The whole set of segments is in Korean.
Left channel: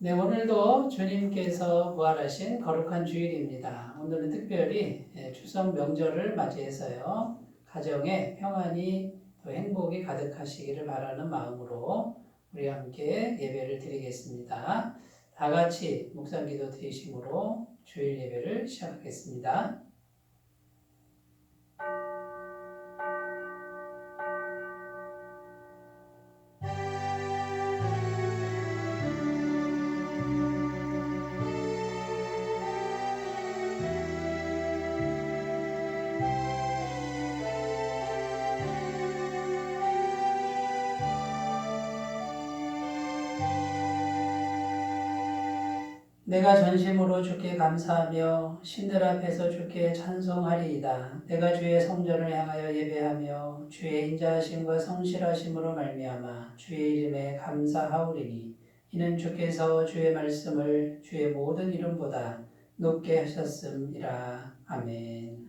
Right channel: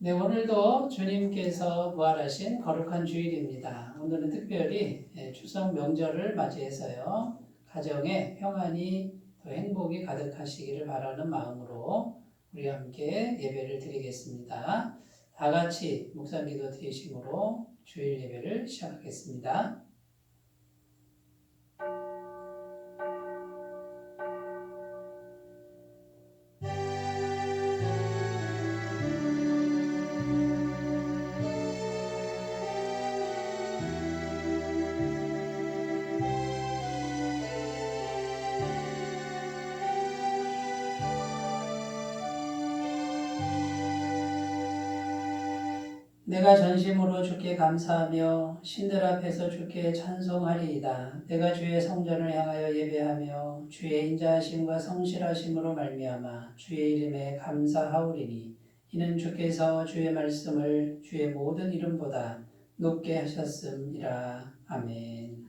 네, 오늘도 주님께서 부활하신 거룩한 주일입니다. 오늘은 특별히 추석 명절을 맞이해서요. 가정에 평안이 또 행복이 가득하시기를 바라는 마음으로 우리 함께 예배를 드리겠습니다. 다 같이 묵상기도 드리심으로 주일 예배를 시작하겠습니다. 내가 전심으로 주께 감사하며 신들 앞에서 주께 찬송하리이다. 내가 주의 성전을 향하여 예배하며 주의 인자하심과 성실하심으로 말미암아 주의 이름에 감사하오리니 이는 주께서 주의 말씀을 주의 모든 이름보다 높게 하셨음이라. 아멘.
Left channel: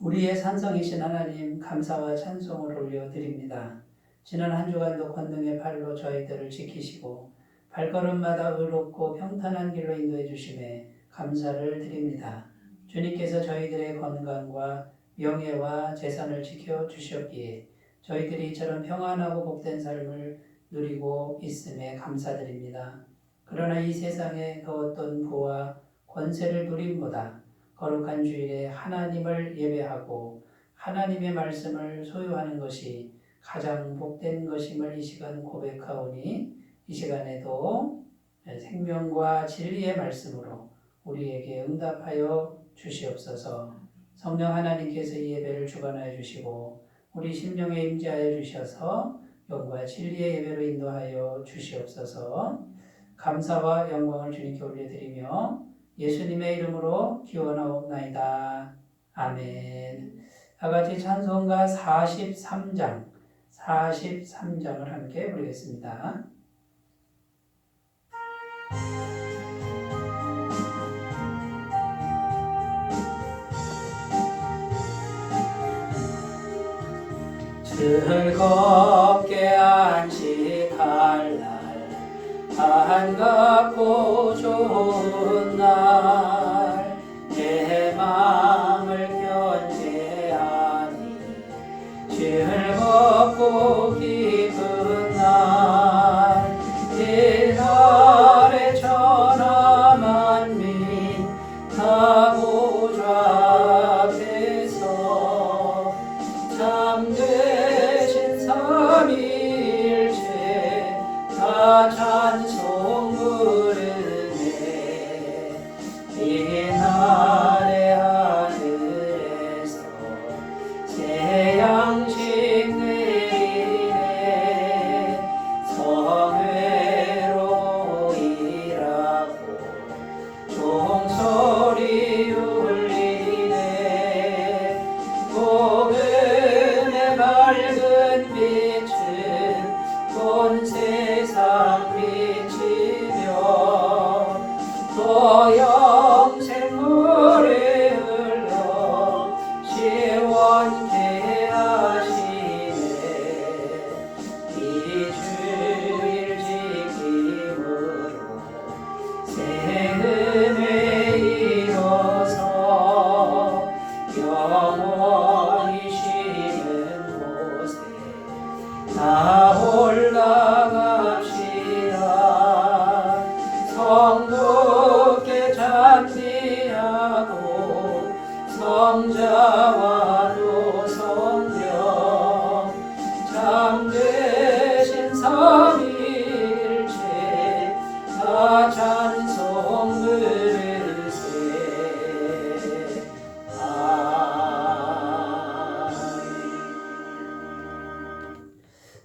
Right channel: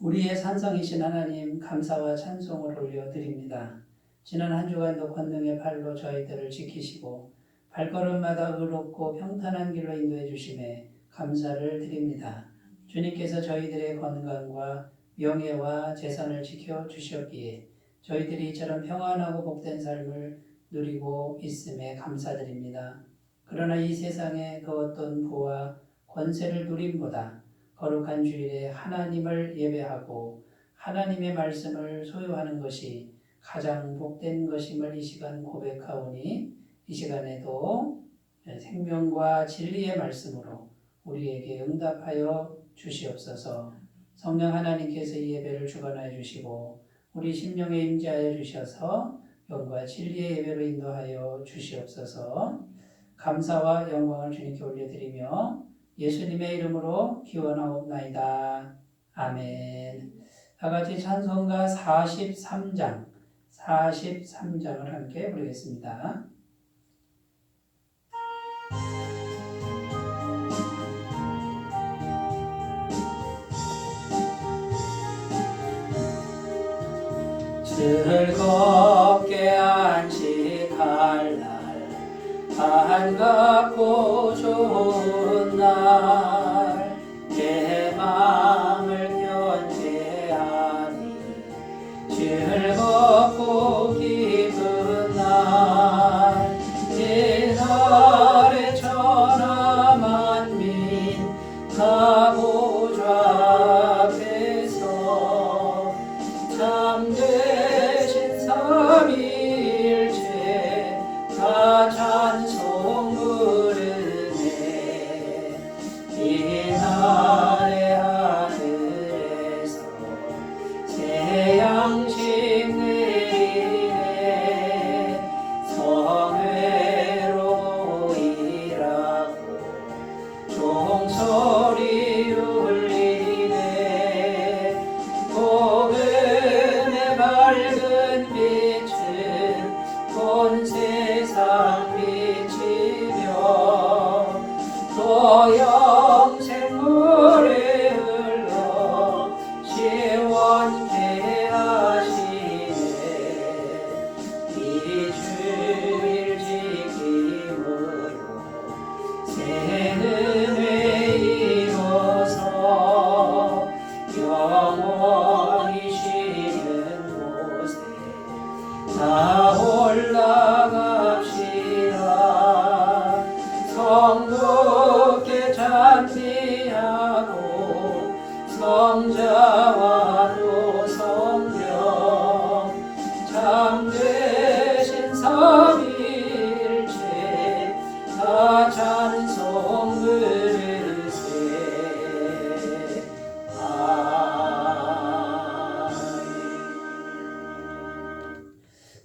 우리의 산성이신 하나님 감사와 찬송을 올려드립니다. 지난 한 주간도 권능의 팔로 저희들을 지키시고 발걸음마다 의롭고 평탄한 길로 인도해 주심에 감사를 드립니다. 주님께서 저희들의 건강과 명예와 재산을 지켜 주셨기에 저희들이 이처럼 평안하고 복된 삶을 누리고 있음에 감사드립니다. 그러나 이 세상의 그 어떤 부와 권세를 누림보다 거룩한 주일에 하나님을 예배하고 하나님의 말씀을 소유하는 것이 가장 복된 것임을 이 시간 고백하오니 이 시간에도 생명과 진리의 말씀으로 우리에게 응답하여 주시옵소서. 성령 하나님께서 이 예배를 주관하여 주시고 우리 심령에 임재하여 주셔서 영과 진리의 예배로 인도하여 주시옵소서. 감사와 영광을 주님께 올려드리며 예수님의 이름으로 기원하옵나이다. 아멘. 다같이 찬송가 43장을 함께 부르겠습니다. 즐겁게 안식할 날, 반갑고 좋은 날, 내 마음을 견제하니 즐겁고 기쁜 날, 이날의 천하 만민 다 보좌 앞에서 참되신 삼위일체 다 찬송 부르네. 이날의 하늘에서 새 양식 내리네. 성회로 모이라고 종소리 울리네. 복음의 밝은 빛은 온 세상 비치며 또 영생물에 흘러 시원케 하시네. 이 주일 지킴으로 새 은혜 이뤄서 영원히 쉬는 곳에 다 올라갑시다. 성부께 찬미하고 성자와도 성령 참되신 삼위일체 다 찬송 부르세.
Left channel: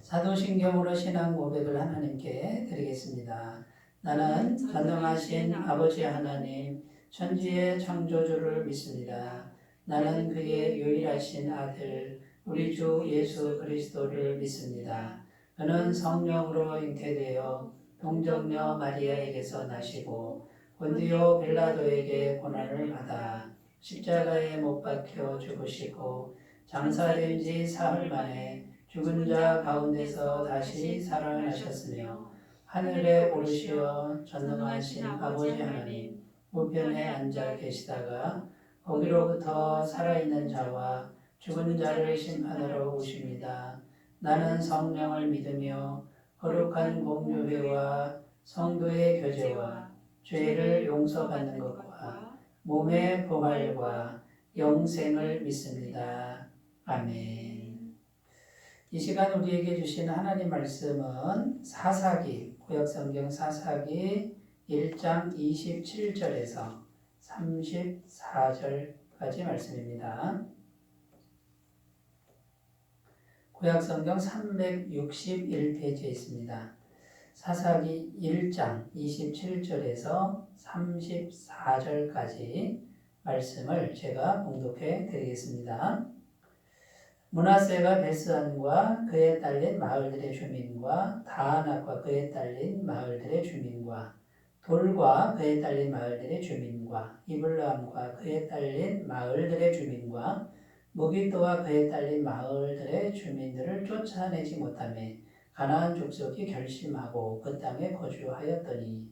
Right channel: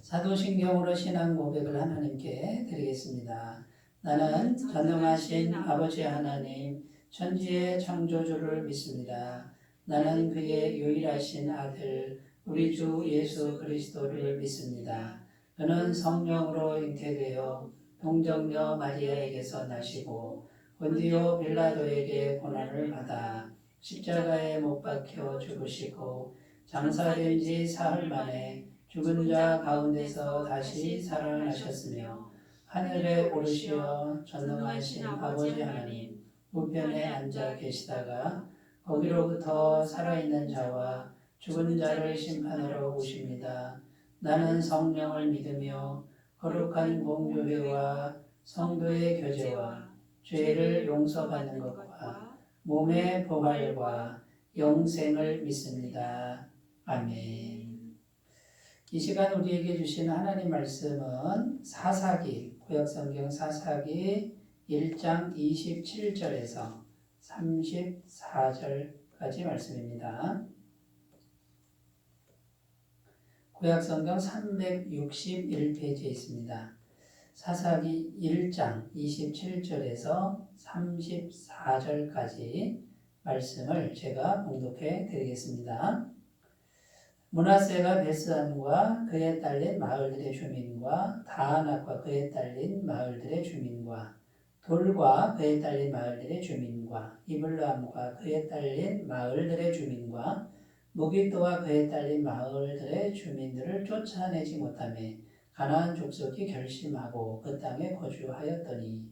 사도신경으로 신앙 고백을 하나님께 드리겠습니다. 나는 전능하신 아버지 하나님, 천지의 창조주를 믿습니다. 나는 그의 유일하신 아들, 우리 주 예수 그리스도를 믿습니다. 그는 성령으로 잉태되어 동정녀 마리아에게서 나시고 본디오 빌라도에게 고난을 받아 십자가에 못 박혀 죽으시고 장사된 지 사흘 만에 죽은 자 가운데서 다시 살아나셨으며 하늘에 오르시어 전능하신 아버지 하나님 우편에 앉아 계시다가 거기로부터 살아있는 자와 죽은 자를 심판하러 오십니다. 나는 성령을 믿으며 거룩한 공교회와 성도의 교제와 죄를 용서받는 것과 몸의 부활과 영생을 믿습니다. 아멘. 이 시간 우리에게 주시는 하나님 말씀은 사사기, 구약성경 사사기 1장 27절에서 34절까지 말씀입니다. 구약성경 361페이지에 있습니다. 사사기 1장 27절에서 34절까지 말씀을 제가 봉독해 드리겠습니다. 므낫세가 베스안과 그에 딸린 마을들의 주민과 다아낙과 그에 딸린 마을들의 주민과 돌과 그에 딸린 마을들의 주민과 이블람과 그에 딸린 마을들의 주민과 무기또와 그에 딸린 마을들의 주민들을 쫓아내지 못하며 가나안 족속이 결심하고 그 땅에 거주하였더니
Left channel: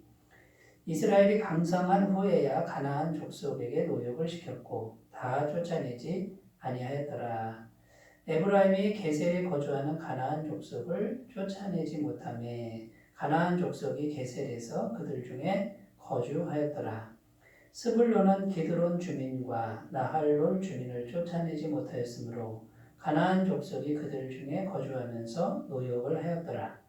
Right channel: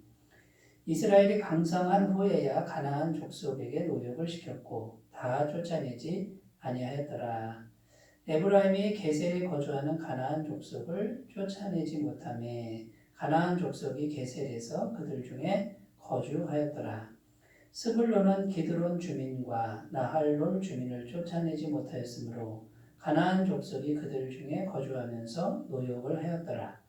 이스라엘이 강성한 후에야 가나안 족속에게 노역을 시켰고 다 쫓아내지 아니하였더라. 에브라임이 게셀에 거주하는 가나안 족속을 쫓아내지 못하며 가나안 족속이 게셀에서 그들 중에 거주하였더라. 스불론은 기드론 주민과 나할롤 주민을 쫓아내지 못하였으므로 가나안 족속이 그들 중에 거주하면서 노역을 하였더라.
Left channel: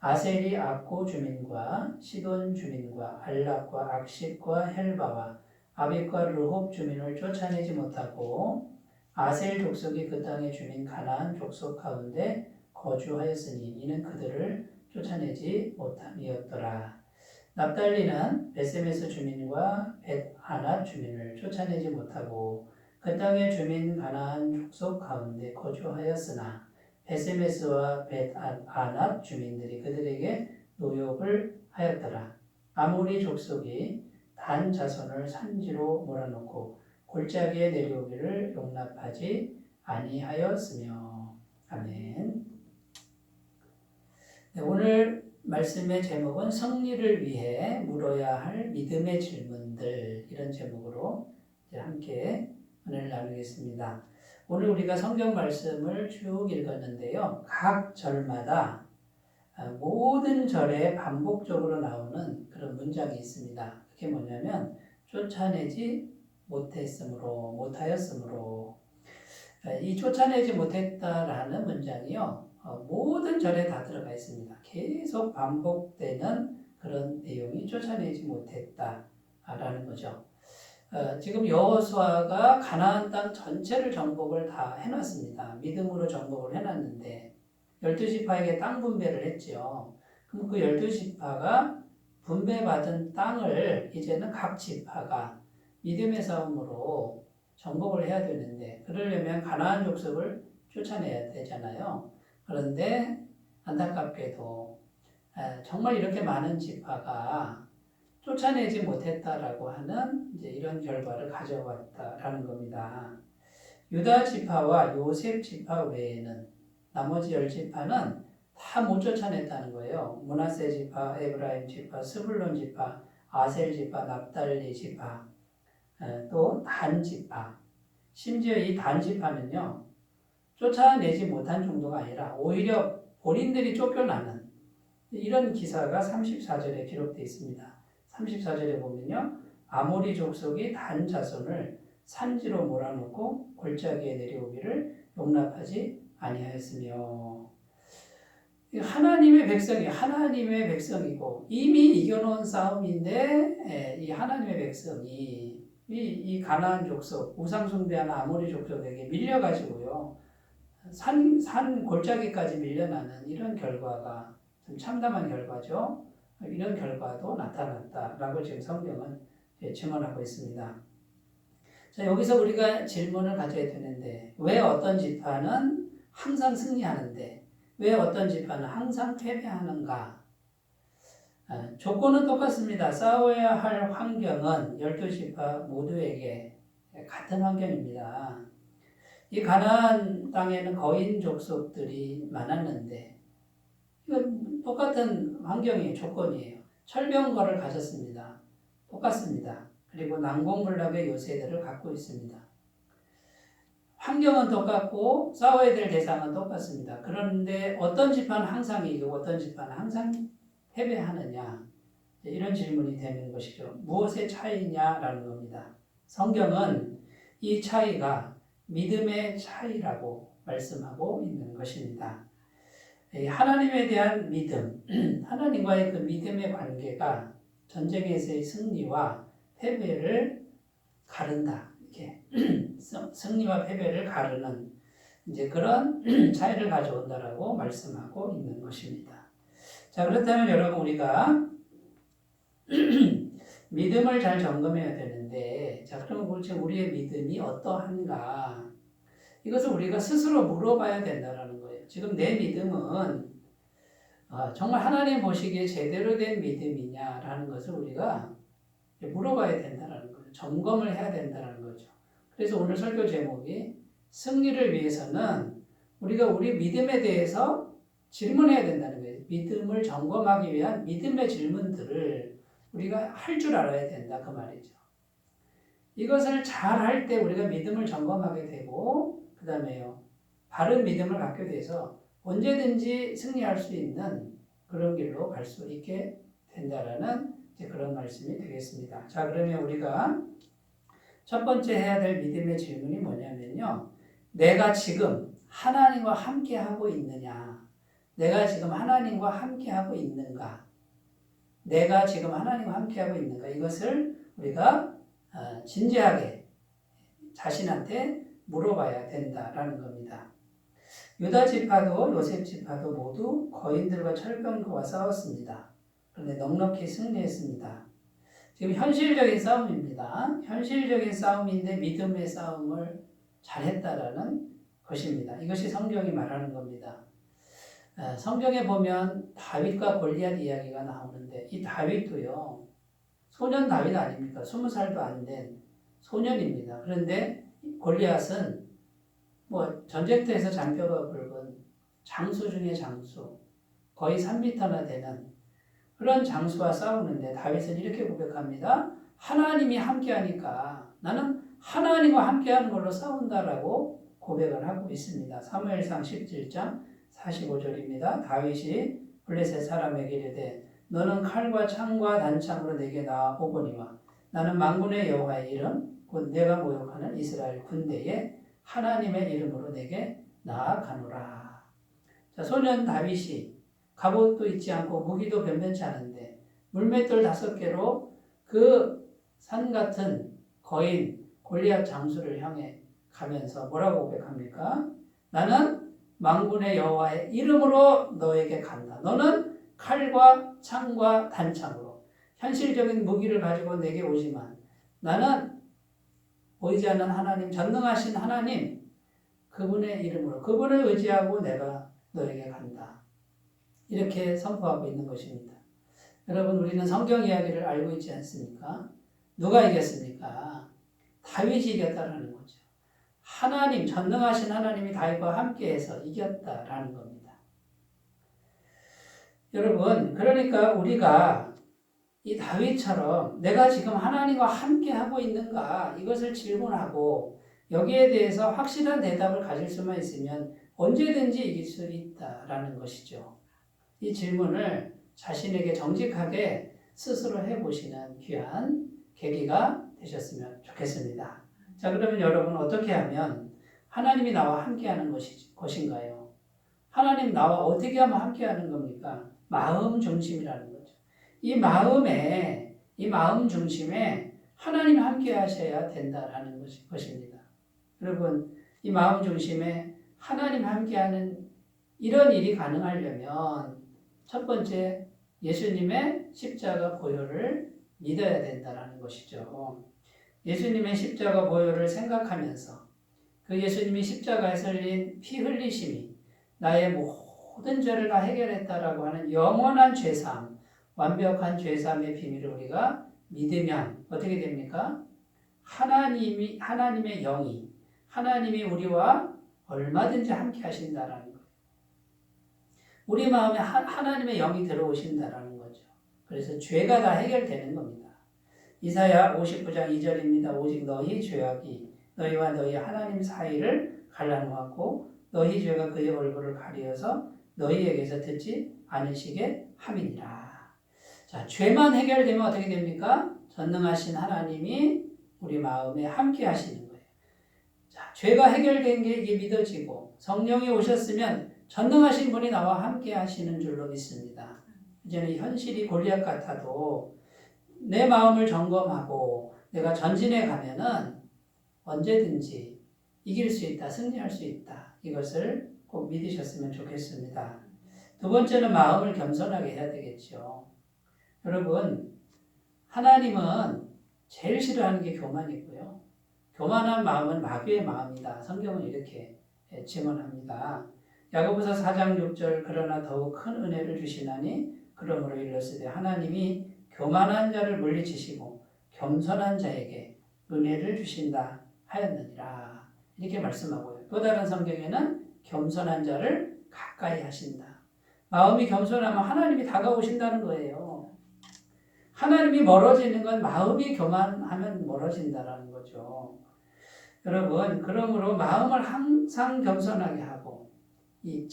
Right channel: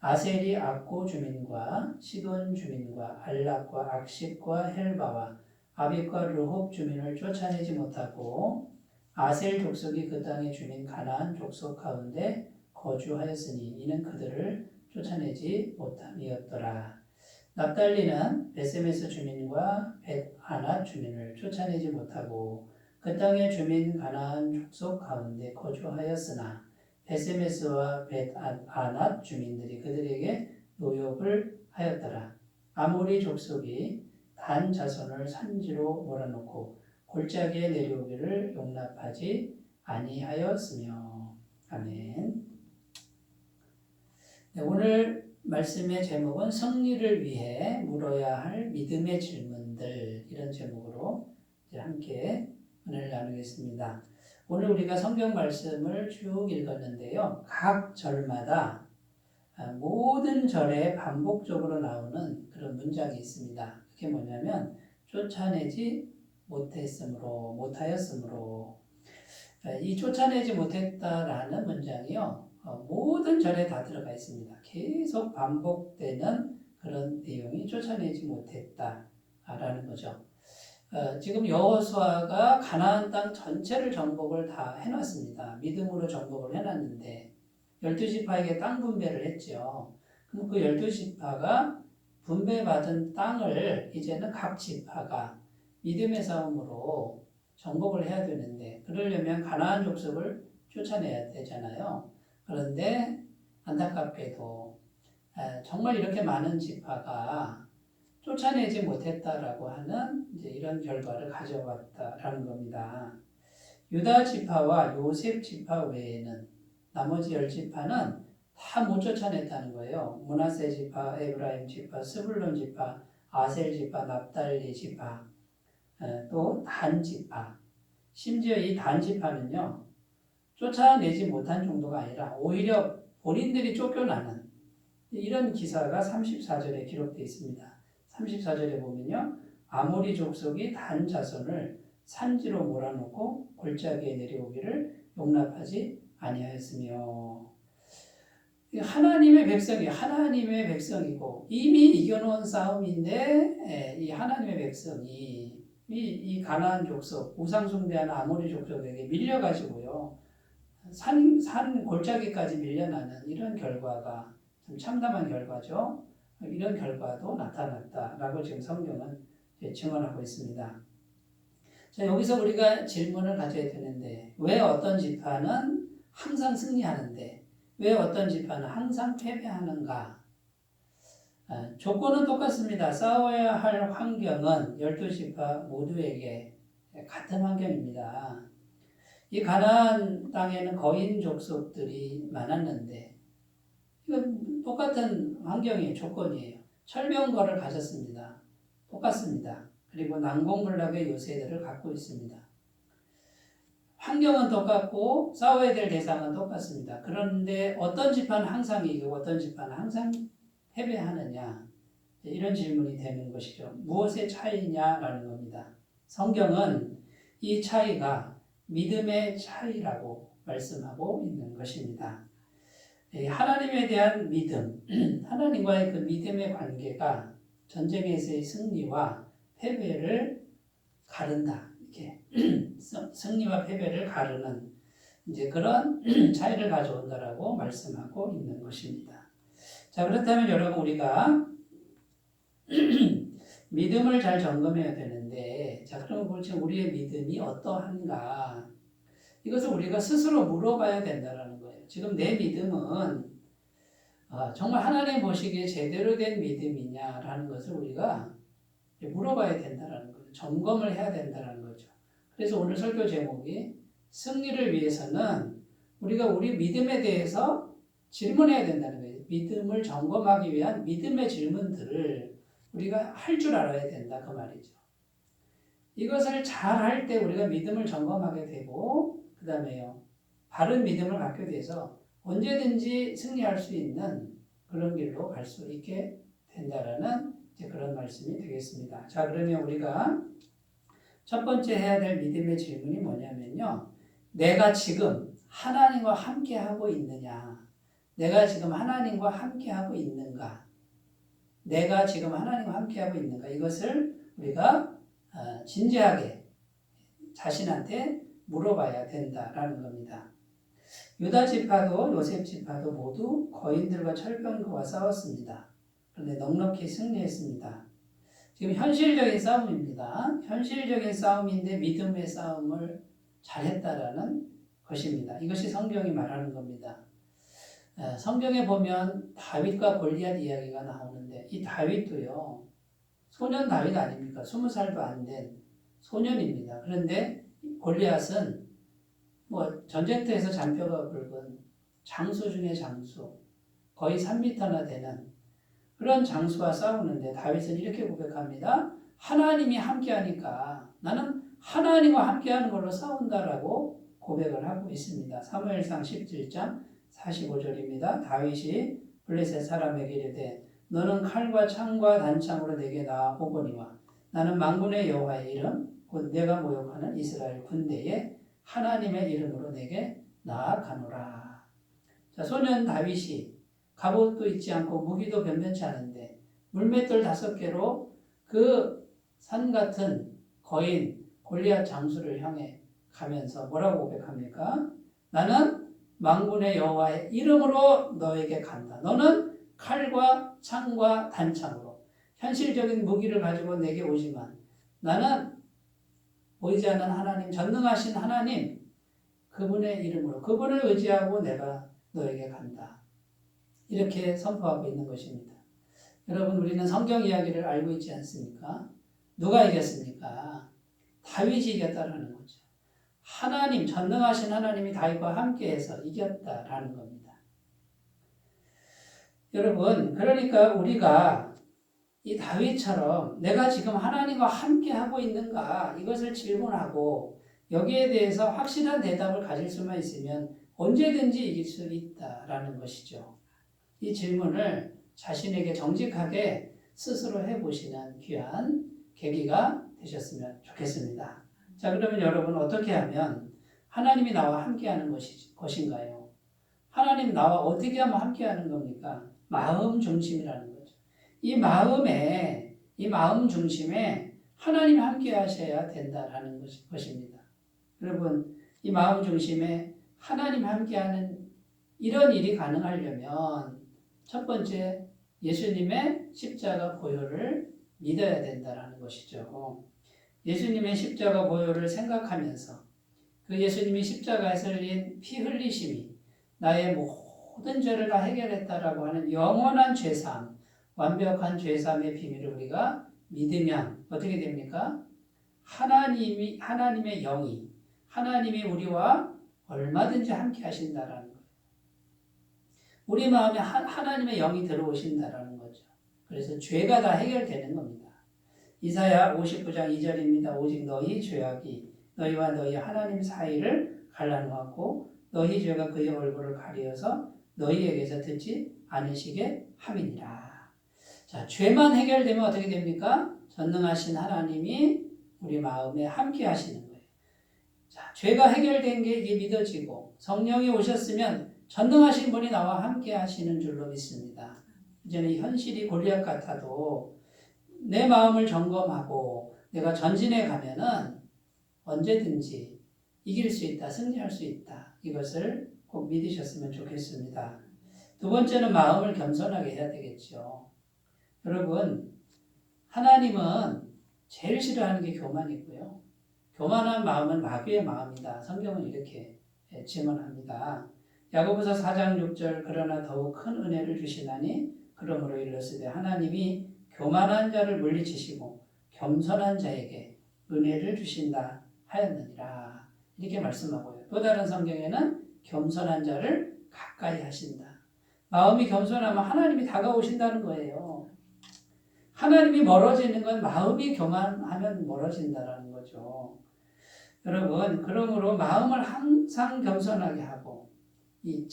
아셀이 악고 주민과 시돈 주민과 알락과 악십과 헬바와 아빅과 르홉 주민을 쫓아내지 못하고 아셀 족속이 그 땅의 주민 가나안 족속 가운데 거주하였으니 이는 그들을 쫓아내지 못함이었더라. 납달리는 베세메스 주민과 벳아낫 주민을 쫓아내지 못하고 그 땅의 주민 가나안 족속 가운데 거주하였으나 베세메스와 벳아낫 주민들이 그들에게 노역을 하였더라. 아모리 족속이 단 자손을 산지로 몰아넣고 골짜기에 내려오기를 용납하지 아니하였으며. 아멘. 네, 오늘 말씀의 제목은 승리를 위해 물어야 할 믿음의 질문들, 이런 제목으로 이제 함께 은혜를 나누겠습니다. 오늘 우리가 성경 말씀을 쭉 읽었는데요. 각 절마다 모든 절에 반복적으로 나오는 그런 문장이 있습니다. 그게 뭐냐면 쫓아내지 못하였으므로 이 쫓아내지 못했다라는 문장이요. 모든 절에 다 들어가 있습니다. 계속 반복되는 그런 내용이 쫓아내지 못했다라는 거죠. 지금 여호수아가 가나안 땅 전체를 정복을 다 해놨습니다. 믿음으로 정복을 해놨는데 12지파에게 땅 분배를 했죠. 그럼 그 12지파가 분배받은 땅을 이제는 각 지파가 믿음의 싸움으로 정복을 해야 되는데 그러려면 가나안 족속을 쫓아내야 되잖아요. 그런데 안타깝게도 정말 이렇게 많은 지파가 쫓아내지 못했다라고 하는 이제 이런 결과를 가져왔다라는 겁니다. 유다 지파와 요셉 지파 외에는 나머지 10지파는 다 못 쫓아냈다는 거예요. 므낫세 지파, 에브라임 지파, 스불론 지파, 아셀 지파, 납달리 지파, 또 단 지파. 심지어 이 단 지파는요, 쫓아내지 못한 정도가 아니라 오히려 본인들이 쫓겨나는 이런 기사가 34절에 기록되어 있습니다. 34절에 보면요, 아모리 족속이 단 자손을 산지로 몰아넣고 골짜기에 내려오기를 용납하지 아니하였으며, 하나님의 백성이고 이미 이겨놓은 싸움인데 이 하나님의 백성이 이 가나안 족속, 우상 숭배하는 아모리 족속에게 밀려가지고요, 산 골짜기까지 밀려나는 이런 결과가 좀 참담한 결과죠. 이런 결과도 나타났다라고 지금 성경은 증언하고 있습니다. 자, 여기서 우리가 질문을 가져야 되는데 왜 어떤 지파는 항상 승리하는데 왜 어떤 지파는 항상 패배하는가? 조건은 똑같습니다. 싸워야 할 환경은 12지파 모두에게 같은 환경입니다. 이 가나안 땅에는 거인 족속들이 많았는데 똑같은 환경이 조건이에요. 철병거를 가졌습니다. 똑같습니다. 그리고 난공불락의 요새들을 갖고 있습니다. 환경은 똑같고 싸워야 될 대상은 똑같습니다. 그런데 어떤 지파는 항상 이기고 어떤 지파는 항상 패배하느냐, 이런 질문이 되는 것이죠. 무엇의 차이냐라는 겁니다. 성경은 이 차이가 믿음의 차이라고 말씀하고 있는 것입니다. 하나님에 대한 믿음, 하나님과의 그 믿음의 관계가 전쟁에서의 승리와 패배를 가른다. 이렇게 승리와 패배를 가르는 이제 그런 차이를 가져온다라고 말씀하고 있는 것입니다. 자, 그렇다면 여러분, 우리가 믿음을 잘 점검해야 되는데, 자, 그럼 지금 우리의 믿음이 어떠한가? 이것을 우리가 스스로 물어봐야 된다는 거예요. 지금 내 믿음은 정말 하나님 보시기에 제대로 된 믿음이냐라는 것을 우리가 물어봐야 된다는 거예요. 점검을 해야 된다는 거죠. 그래서 오늘 설교 제목이 승리를 위해서는 우리가 우리 믿음에 대해서 질문해야 된다는 거예요. 믿음을 점검하기 위한 믿음의 질문들을 우리가 할 줄 알아야 된다, 그 말이죠. 이것을 잘 할 때 우리가 믿음을 점검하게 되고, 그 다음에요, 바른 믿음을 갖게 돼서 언제든지 승리할 수 있는 그런 길로 갈 수 있게 된다라는 이제 그런 말씀이 되겠습니다. 자, 그러면 우리가 첫 번째 해야 될 믿음의 질문이 뭐냐면요, 내가 지금 하나님과 함께 하고 있느냐? 내가 지금 하나님과 함께 하고 있는가? 내가 지금 하나님과 함께 하고 있는가? 이것을 우리가 진지하게 자신한테 물어봐야 된다라는 겁니다. 유다 지파도 요셉 지파도 모두 거인들과 철병거와 싸웠습니다. 그런데 넉넉히 승리했습니다. 지금 현실적인 싸움입니다. 현실적인 싸움인데 믿음의 싸움을 잘했다라는 것입니다. 이것이 성경이 말하는 겁니다. 성경에 보면 다윗과 골리앗 이야기가 나오는데, 이 다윗도요, 소년 다윗 아닙니까? 20살도 안 된 소년입니다. 그런데 골리앗은 전쟁터에서 잔뼈가 굵은 장수 중의 장수, 거의 3m나 되는 그런 장수와 싸우는데 다윗은 이렇게 고백합니다. 하나님이 함께하니까 나는 하나님과 함께하는 걸로 싸운다라고 고백을 하고 있습니다. 사무엘상 17장 45절입니다. 다윗이 블레셋 사람에게 이르되 너는 칼과 창과 단창으로 내게 나아오거니와 나는 만군의 여호와의 이름 곧 내가 모욕하는 이스라엘 군대의 하나님의 이름으로 내게 나아가노라. 자, 소년 다윗이 갑옷도 있지 않고 무기도 변변치 않은데 물맷돌 5개로 그 산 같은 거인 골리앗 장수를 향해 가면서 뭐라고 고백합니까? 나는 만군의 여호와의 이름으로 너에게 간다. 너는 칼과 창과 단창으로 현실적인 무기를 가지고 내게 오지만 나는 보이지 않는 하나님, 전능하신 하나님, 그분의 이름으로, 그분을 의지하고 내가 너에게 간다. 이렇게 선포하고 있는 것입니다. 여러분, 우리는 성경 이야기를 알고 있지 않습니까? 누가 이겼습니까? 다윗이 이겼다라는 거죠. 하나님, 전능하신 하나님이 다윗과 함께해서 이겼다라는 겁니다. 여러분, 그러니까 우리가 이 다윗처럼 내가 지금 하나님과 함께하고 있는가, 이것을 질문하고 여기에 대해서 확실한 대답을 가질 수만 있으면 언제든지 이길 수 있다라는 것이죠. 이 질문을 자신에게 정직하게 스스로 해보시는 귀한 계기가 되셨으면 좋겠습니다. 자, 그러면 여러분, 어떻게 하면 하나님이 나와 함께하는 것인가요? 하나님 나와 어떻게 하면 함께하는 겁니까? 마음 중심이라는 거죠. 이 마음 중심에 하나님 함께 하셔야 된다라는 것입니다. 여러분, 이 마음 중심에 하나님 함께하는 이런 일이 가능하려면 첫 번째, 예수님의 십자가 보혈을 믿어야 된다라는 것이죠. 예수님의 십자가 보혈을 생각하면서 그 예수님이 십자가에서 흘린 피 흘리심이 나의 모든 죄를 다 해결했다라고 하는 영원한 죄사함, 완벽한 죄사함의 비밀을 우리가 믿으면 어떻게 됩니까? 하나님의 영이, 하나님이 우리와 얼마든지 함께 하신다라는 거예요. 우리 마음에 하나님의 영이 들어오신다라는 거죠. 그래서 죄가 다 해결되는 겁니다. 이사야 59장 2절입니다. 오직 너희 죄악이 너희와 너희 하나님 사이를 갈라놓았고 너희 죄가 그의 얼굴을 가리어서 너희에게서 듣지 않으시게 함이니라. 자, 죄만 해결되면 어떻게 됩니까? 전능하신 하나님이 우리 마음에 함께 하시는 거예요. 자, 죄가 해결된 게 이게 믿어지고 성령이 오셨으면 전능하신 분이 나와 함께 하시는 줄로 믿습니다. 이제는 현실이 골리앗 같아도 내 마음을 점검하고 내가 전진해 가면은 언제든지 이길 수 있다, 승리할 수 있다. 이것을 꼭 믿으셨으면 좋겠습니다. 두 번째는 마음을 겸손하게 해야 되겠죠. 여러분, 하나님은 제일 싫어하는 게 교만이고요. 교만한 마음은 마귀의 마음이다. 성경은 이렇게 증언합니다. 야고보서 4장 6절 그러나 더욱 큰 은혜를 주시나니 그러므로 이르시되 하나님이 교만한 자를 물리치시고 겸손한 자에게 은혜를 주신다 하였느니라. 이렇게 말씀하고요. 또 다른 성경에는 겸손한 자를 가까이 하신다. 마음이 겸손하면 하나님이 다가오신다는 거예요. 하나님이 멀어지는 건 마음이 교만하면 멀어진다라는 거죠. 여러분, 그러므로 마음을 항상 겸손하게 하고 이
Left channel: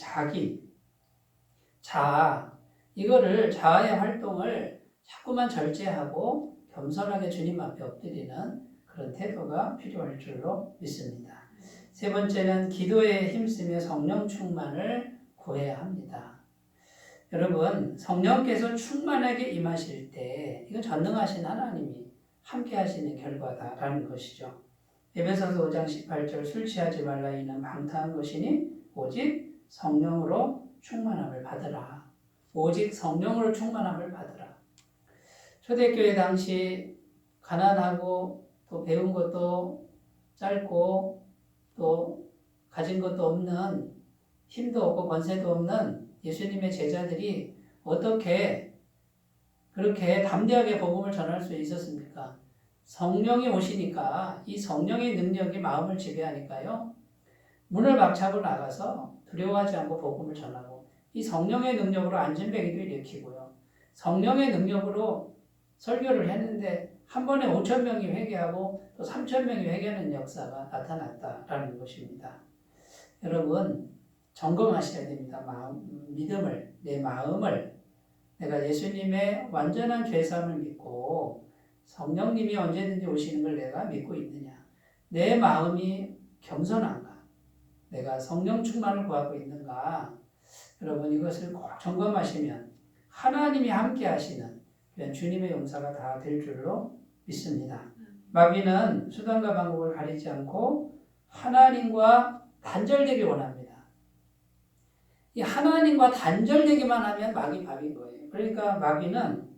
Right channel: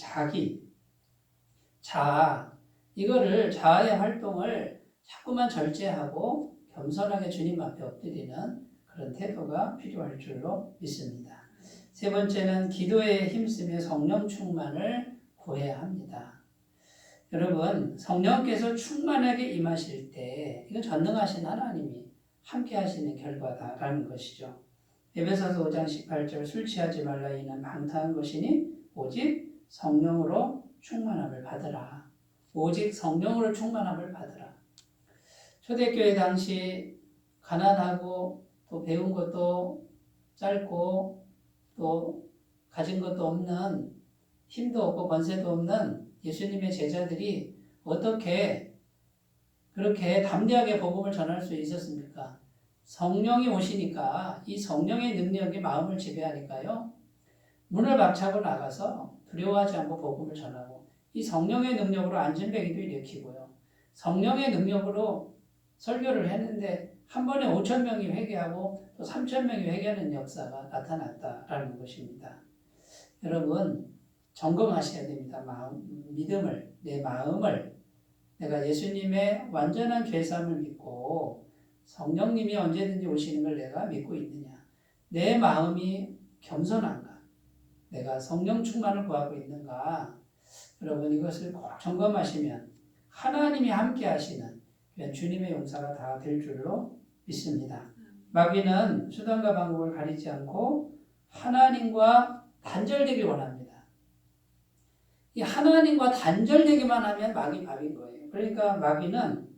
자아, 이거를 자아의 활동을 자꾸만 절제하고 겸손하게 주님 앞에 엎드리는 그런 태도가 필요할 줄로 믿습니다. 세 번째는 기도에 힘쓰며 성령 충만을 구해야 합니다. 여러분, 성령께서 충만하게 임하실 때 이건 전능하신 하나님이 함께 하시는 결과다라는 것이죠. 에베소서 5장 18절 술 취하지 말라 이는 방탕한 것이니 오직 성령으로 충만함을 받으라. 오직 성령으로 충만함을 받으라. 초대교회 당시 가난하고 또 배운 것도 짧고 또 가진 것도 없는 힘도 없고 권세도 없는 예수님의 제자들이 어떻게 그렇게 담대하게 복음을 전할 수 있었습니까? 성령이 오시니까 이 성령의 능력이 마음을 지배하니까요. 문을 박차고 나가서 두려워하지 않고 복음을 전하고 이 성령의 능력으로 안진뱅이도 일으키고요. 성령의 능력으로 설교를 했는데 한 번에 5,000명이 회개하고 또 3,000명이 회개하는 역사가 나타났다라는 것입니다. 여러분 점검하셔야 됩니다. 믿음을, 내 마음을 내가 예수님의 완전한 죄사함을 믿고 성령님이 언제든지 오시는 걸 내가 믿고 있느냐. 내 마음이 겸손한가. 내가 성령 충만을 구하고 있는가. 여러분 이것을 꼭 점검하시면 하나님이 함께 하시는 주님의 용사가 다 될 줄로 믿습니다. 마귀는 수단과 방법을 가리지 않고 하나님과 단절되길 원합니다. 이 하나님과 단절되기만 하면 마귀 밥인 거예요. 그러니까 마귀는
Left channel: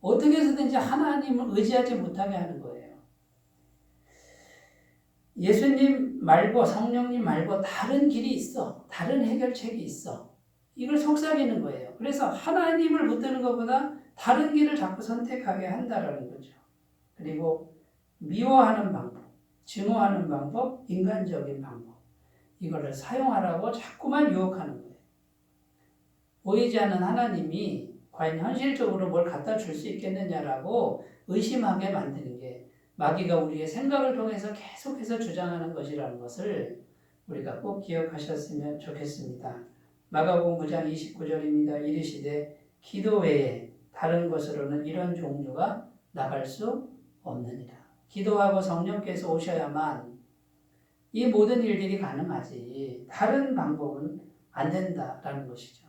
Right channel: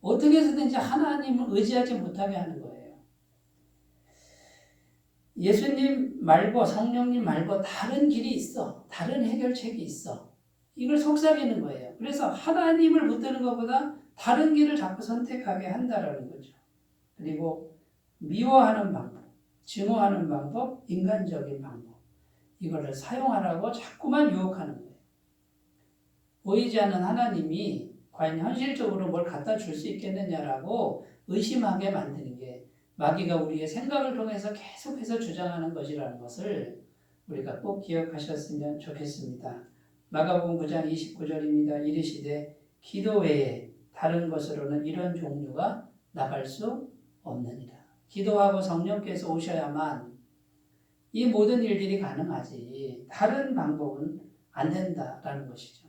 어떻게 해서든지 하나님을 의지하지 못하게 하는 거예요. 예수님 말고 성령님 말고 다른 길이 있어. 다른 해결책이 있어. 이걸 속삭이는 거예요. 그래서 하나님을 붙드는 것보다 다른 길을 자꾸 선택하게 한다라는 거죠. 그리고 미워하는 방법, 증오하는 방법, 인간적인 방법 이거를 사용하라고 자꾸만 유혹하는 거예요. 보이지 않는 하나님이 과연 현실적으로 뭘 갖다 줄 수 있겠느냐라고 의심하게 만드는 게 마귀가 우리의 생각을 통해서 계속해서 주장하는 것이라는 것을 우리가 꼭 기억하셨으면 좋겠습니다. 마가복음 9장 29절입니다. 이르시되 기도 외에 다른 것으로는 이런 종류가 나갈 수 없느니라. 기도하고 성령께서 오셔야만 이 모든 일들이 가능하지 다른 방법은 안 된다라는 것이죠.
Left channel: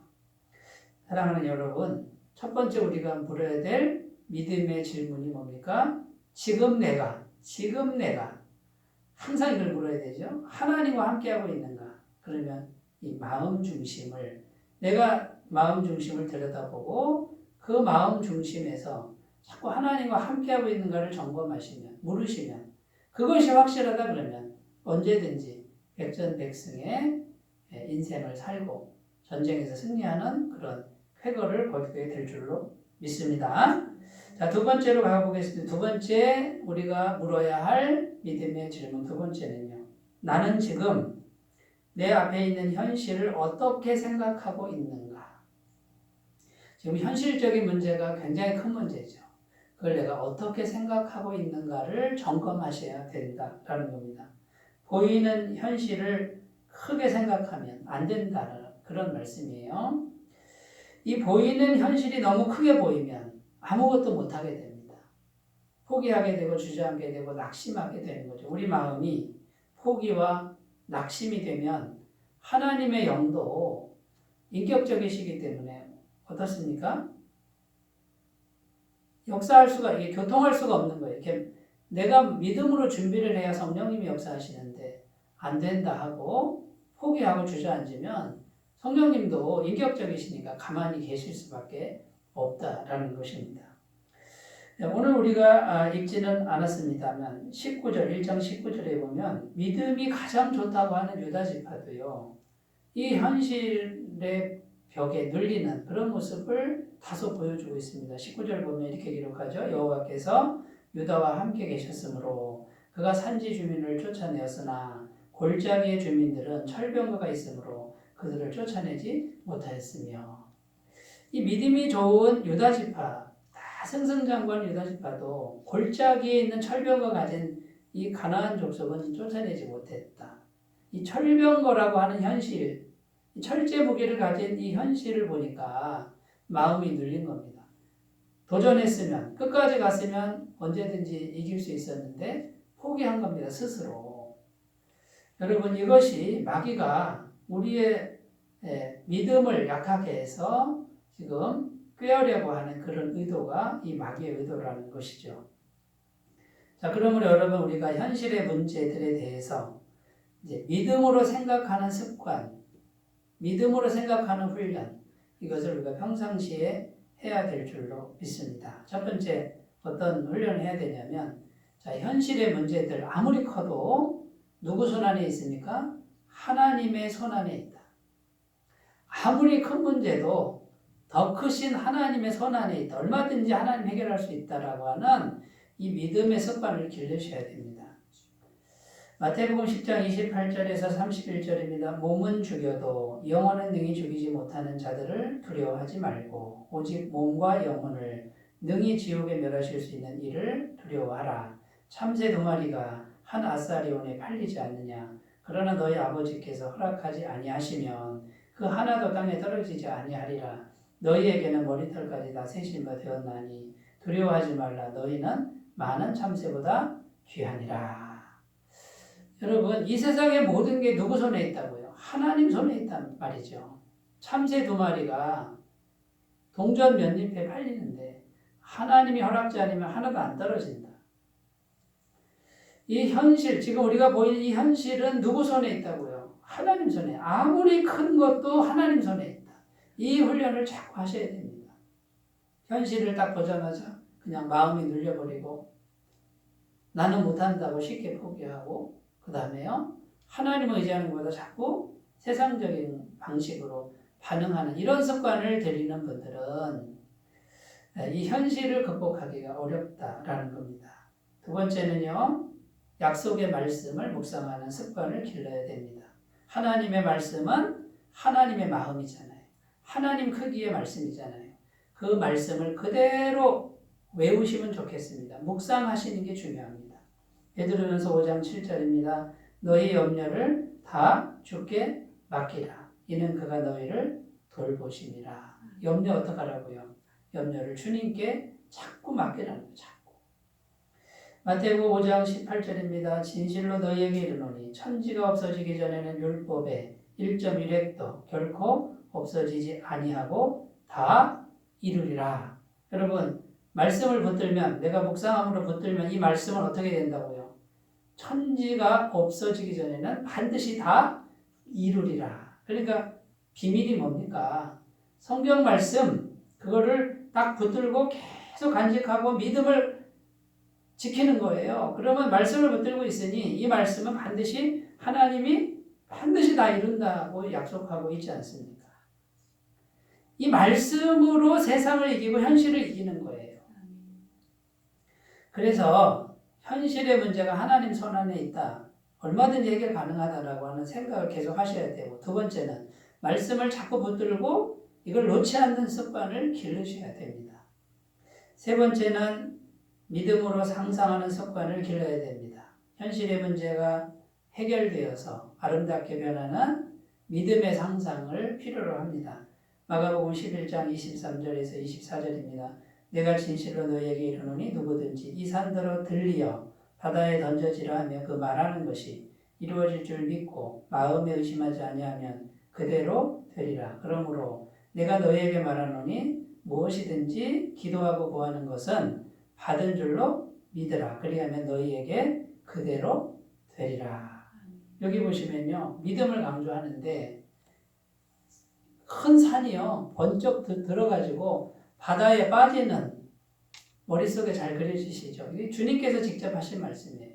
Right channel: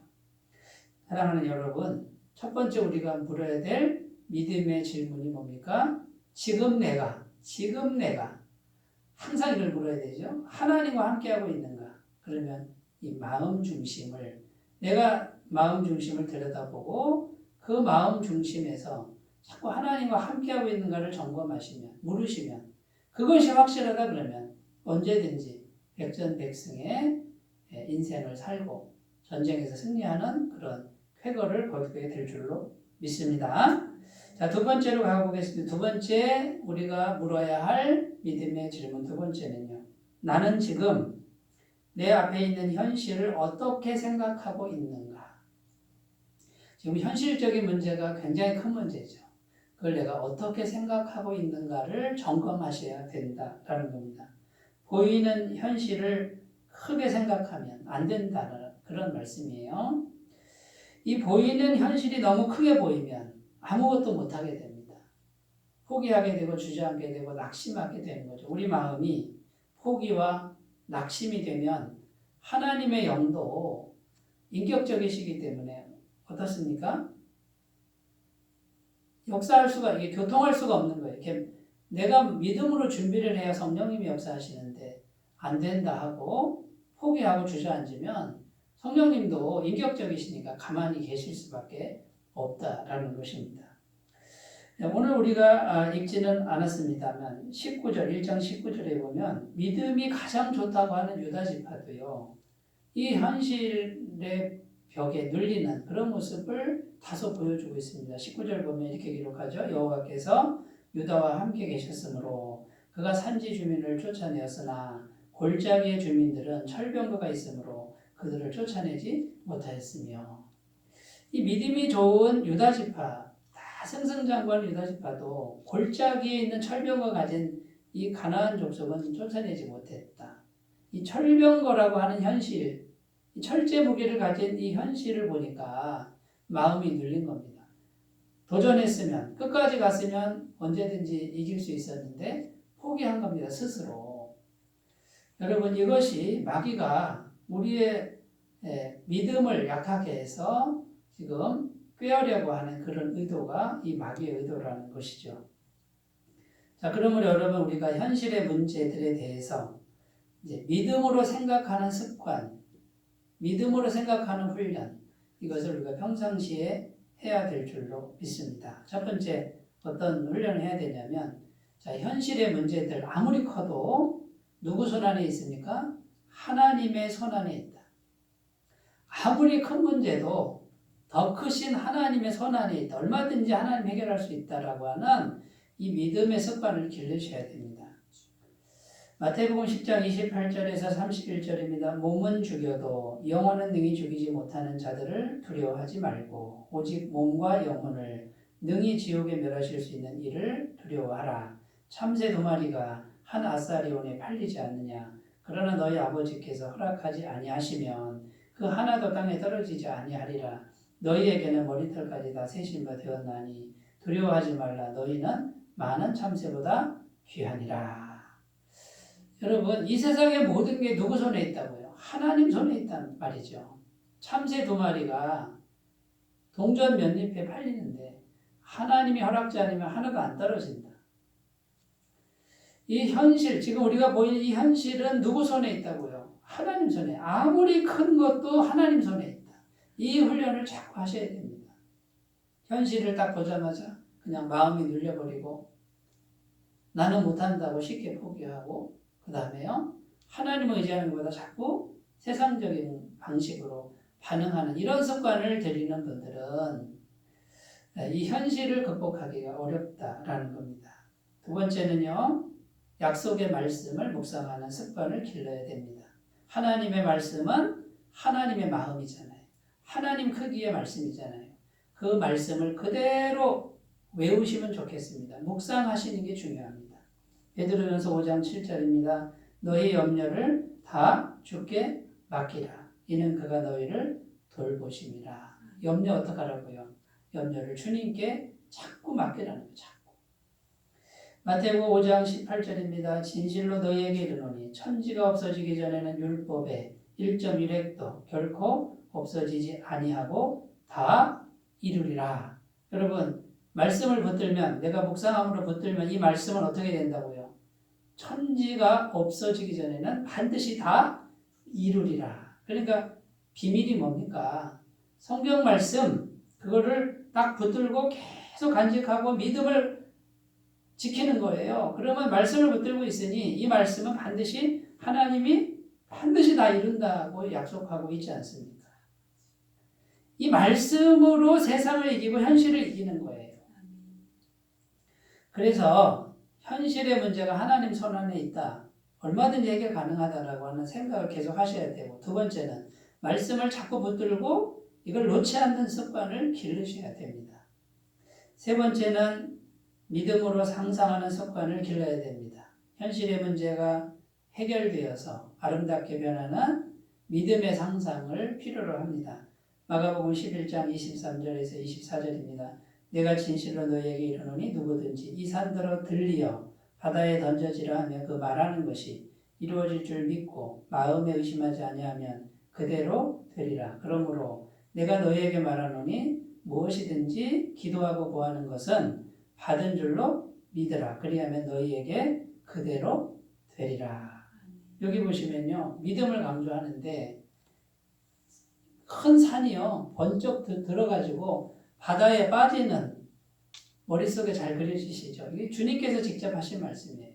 사랑하는 여러분, 첫 번째 우리가 물어야 될 믿음의 질문이 뭡니까? 지금 내가 항상 이걸 물어야 되죠. 하나님과 함께하고 있는가? 그러면 이 마음 중심을 내가 마음 중심을 들여다보고 그 마음 중심에서 자꾸 하나님과 함께하고 있는가를 점검하시면 물으시면 그것이 확실하다 그러면 언제든지 백전백승의 인생을 살고 전쟁에서 승리하는 그런 쾌거를 거두게 될 줄로 믿습니다. 자, 두 번째로 가보겠습니다. 두 번째 우리가 물어야 할 믿음의 질문 두 번째는요. 나는 지금 내 앞에 있는 현실을 어떻게 생각하고 있는가? 지금 현실적인 문제가 굉장히 큰 문제죠. 그걸 내가 어떻게 생각하고 있는가를 점검하셔야 된다라는 겁니다. 보이는 현실을 크게 생각하면 안 된다는 그런 말씀이에요. 이 보이는 현실이 너무 크게 보이면 아무것도 못하게 됩니다. 포기하게 되고 주저앉게 되고 낙심하게 되는 거죠. 우리 마음이 포기와 낙심이 되면 하나님의 영도 인격적이시기 때문에 어떻습니까? 역사할 수가, 이게 교통할 수가 없는 거예요. 이렇게 내가 믿음으로 준비를 해야 성령님이 역사하시는데 안 된다 하고 포기하고 주저앉으면 성령님도 인격적이시니까 가만히 계실 수밖에 없다라는 것입니다. 오늘 우리가 읽지는 않았습니다만 19절, 1장 19절에 보면 믿음이 가장 좋다고 하는 유다 지파도요. 이 현실의 벽에 눌리는 그런 모습을 다소 보여주고 있습니다. 19절 보면 이렇게 기록하죠. 여호와께서 유다와 함께 계셨으므로 그가 산지 주민을 쫓아내었으나 골짜기의 주민들은 철병거가 있으므로 그들을 쫓아내지 못하였으며. 이 믿음이 좋은 유다 지파, 다 승승장구한 유다 지파도 골짜기에 있는 철병거 가진 이 가나안 족속은 쫓아내지 못했다. 이 철병거라고 하는 현실, 철제 무기를 가진 이 현실을 보니까 마음이 눌린 겁니다. 도전했으면, 끝까지 갔으면 언제든지 이길 수 있었는데 포기한 겁니다, 스스로. 여러분, 이것이 마귀가 우리의 믿음을 약하게 해서 지금 꾀하려고 하는 그런 의도가 이 마귀의 의도라는 것이죠. 자, 그러므로 여러분, 우리가 현실의 문제들에 대해서 이제 믿음으로 생각하는 습관, 믿음으로 생각하는 훈련, 이것을 우리가 평상시에 해야 될 줄로 믿습니다. 첫 번째, 어떤 훈련을 해야 되냐면, 자, 현실의 문제들 아무리 커도 누구 손 안에 있습니까? 하나님의 손 안에 있다. 아무리 큰 문제도 더 크신 하나님의 손 안에 있다. 얼마든지 하나님 해결할 수 있다라고 하는 이 믿음의 습관을 기르셔야 됩니다. 마태복음 10장 28절에서 31절입니다. 몸은 죽여도 영혼은 능히 죽이지 못하는 자들을 두려워하지 말고 오직 몸과 영혼을 능히 지옥에 멸하실 수 있는 이를 두려워하라. 참새 2마리가 한 아사리온에 팔리지 않느냐. 그러나 너희 아버지께서 허락하지 아니하시면 그 하나도 땅에 떨어지지 아니하리라. 너희에게는 머리털까지 다 세신 바 되었나니 두려워하지 말라. 너희는 많은 참새보다 귀하니라. 여러분, 이 세상의 모든 게 누구 손에 있다고요? 하나님 손에 있단 말이죠. 참새 2마리가 동전 몇 잎에 팔리는데 하나님이 허락지 않으면 하나도 안 떨어진다. 이 현실, 지금 우리가 보이는 이 현실은 누구 손에 있다고요? 하나님 손에. 아무리 큰 것도 하나님 손에 있다. 이 훈련을 자꾸 하셔야 됩니다. 현실을 딱 보자마자 그냥 마음이 눌려버리고 나는 못한다고 쉽게 포기하고 그 다음에요, 하나님을 의지하는 것보다 자꾸 세상적인 방식으로 반응하는 이런 습관을 들이는 분들은 이 현실을 극복하기가 어렵다라는 겁니다. 두 번째는요, 약속의 말씀을 묵상하는 습관을 길러야 됩니다. 하나님의 말씀은 하나님의 마음이잖아요. 하나님 크기의 말씀이잖아요. 그 말씀을 그대로 외우시면 좋겠습니다. 묵상하시는 게 중요합니다. 베드로전서 5장 7절입니다. 너희 염려를 다 주께 맡기라. 이는 그가 너희를 돌보심이라. 염려 어떡하라고요? 염려를 주님께 자꾸 맡기라는 거예요. 자꾸. 마태복음 5장 18절입니다. 진실로 너희에게 이르노니 천지가 없어지기 전에는 율법의 1.1획도 결코 없어지지 아니하고 다 이루리라. 여러분, 말씀을 붙들면, 내가 묵상함으로 붙들면 이 말씀은 어떻게 된다고요? 천지가 없어지기 전에는 반드시 다 이루리라. 그러니까 비밀이 뭡니까? 성경 말씀, 그거를 딱 붙들고 계속 간직하고 믿음을 지키는 거예요. 그러면 말씀을 붙들고 있으니 이 말씀은 반드시 하나님이 반드시 다 이룬다고 약속하고 있지 않습니까? 이 말씀으로 세상을 이기고 현실을 이기는 거예요. 그래서 현실의 문제가 하나님 손 안에 있다. 얼마든지 해결 가능하다라고 하는 생각을 계속 하셔야 되고, 두 번째는 말씀을 자꾸 붙들고 이걸 놓지 않는 습관을 기르셔야 됩니다. 세 번째는 믿음으로 상상하는 습관을 길러야 됩니다. 현실의 문제가 해결되어서 아름답게 변하는 믿음의 상상을 필요로 합니다. 마가복음 11장 23절에서 24절입니다. 내가 진실로 너희에게 이르노니 누구든지 이 산더러 들리어 바다에 던져지라 하며 그 말하는 것이 이루어질 줄 믿고 마음에 의심하지 아니하면 그대로 되리라. 그러므로 내가 너희에게 말하노니 무엇이든지 기도하고 구하는 것은 받은 줄로 믿으라. 그리하면 너희에게 그대로 되리라. 여기 보시면요, 믿음을 강조하는데 큰 산이요 번쩍 들어가지고 바다에 빠지는, 머릿속에 잘 그려지시죠? 이게 주님께서 직접 하신 말씀이에요.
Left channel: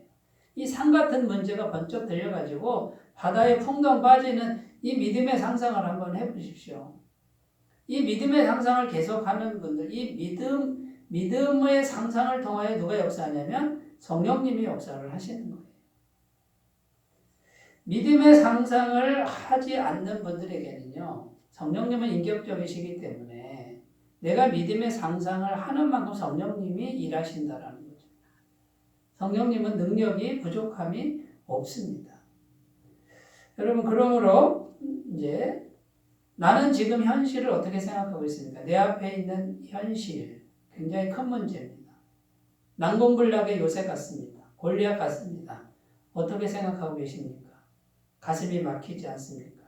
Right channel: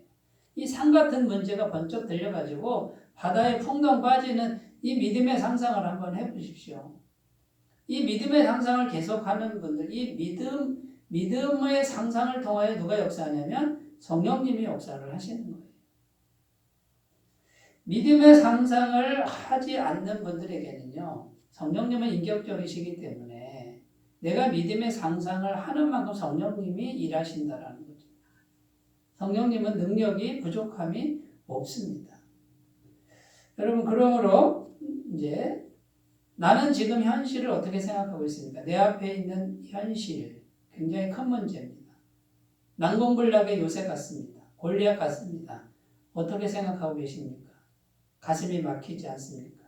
이 산 같은 문제가 번쩍 들려가지고 바다에 풍덩 빠지는 이 믿음의 상상을 한번 해보십시오. 이 믿음의 상상을 계속하는 분들, 이 믿음의 상상을 통하여 누가 역사하냐면 성령님이 역사를 하시는 거예요. 믿음의 상상을 하지 않는 분들에게는요, 성령님은 인격적이시기 때문에 내가 믿음의 상상을 하는 만큼 성령님이 일하신다라는 거죠. 성령님은 능력이 부족함이 없습니다. 여러분, 그러므로 이제 나는 지금 현실을 어떻게 생각하고 있습니까? 내 앞에 있는 현실, 굉장히 큰 문제입니다. 난공불락의 요새 같습니다. 골리앗 같습니다. 어떻게 생각하고 계십니까? 가슴이 막히지 않습니까?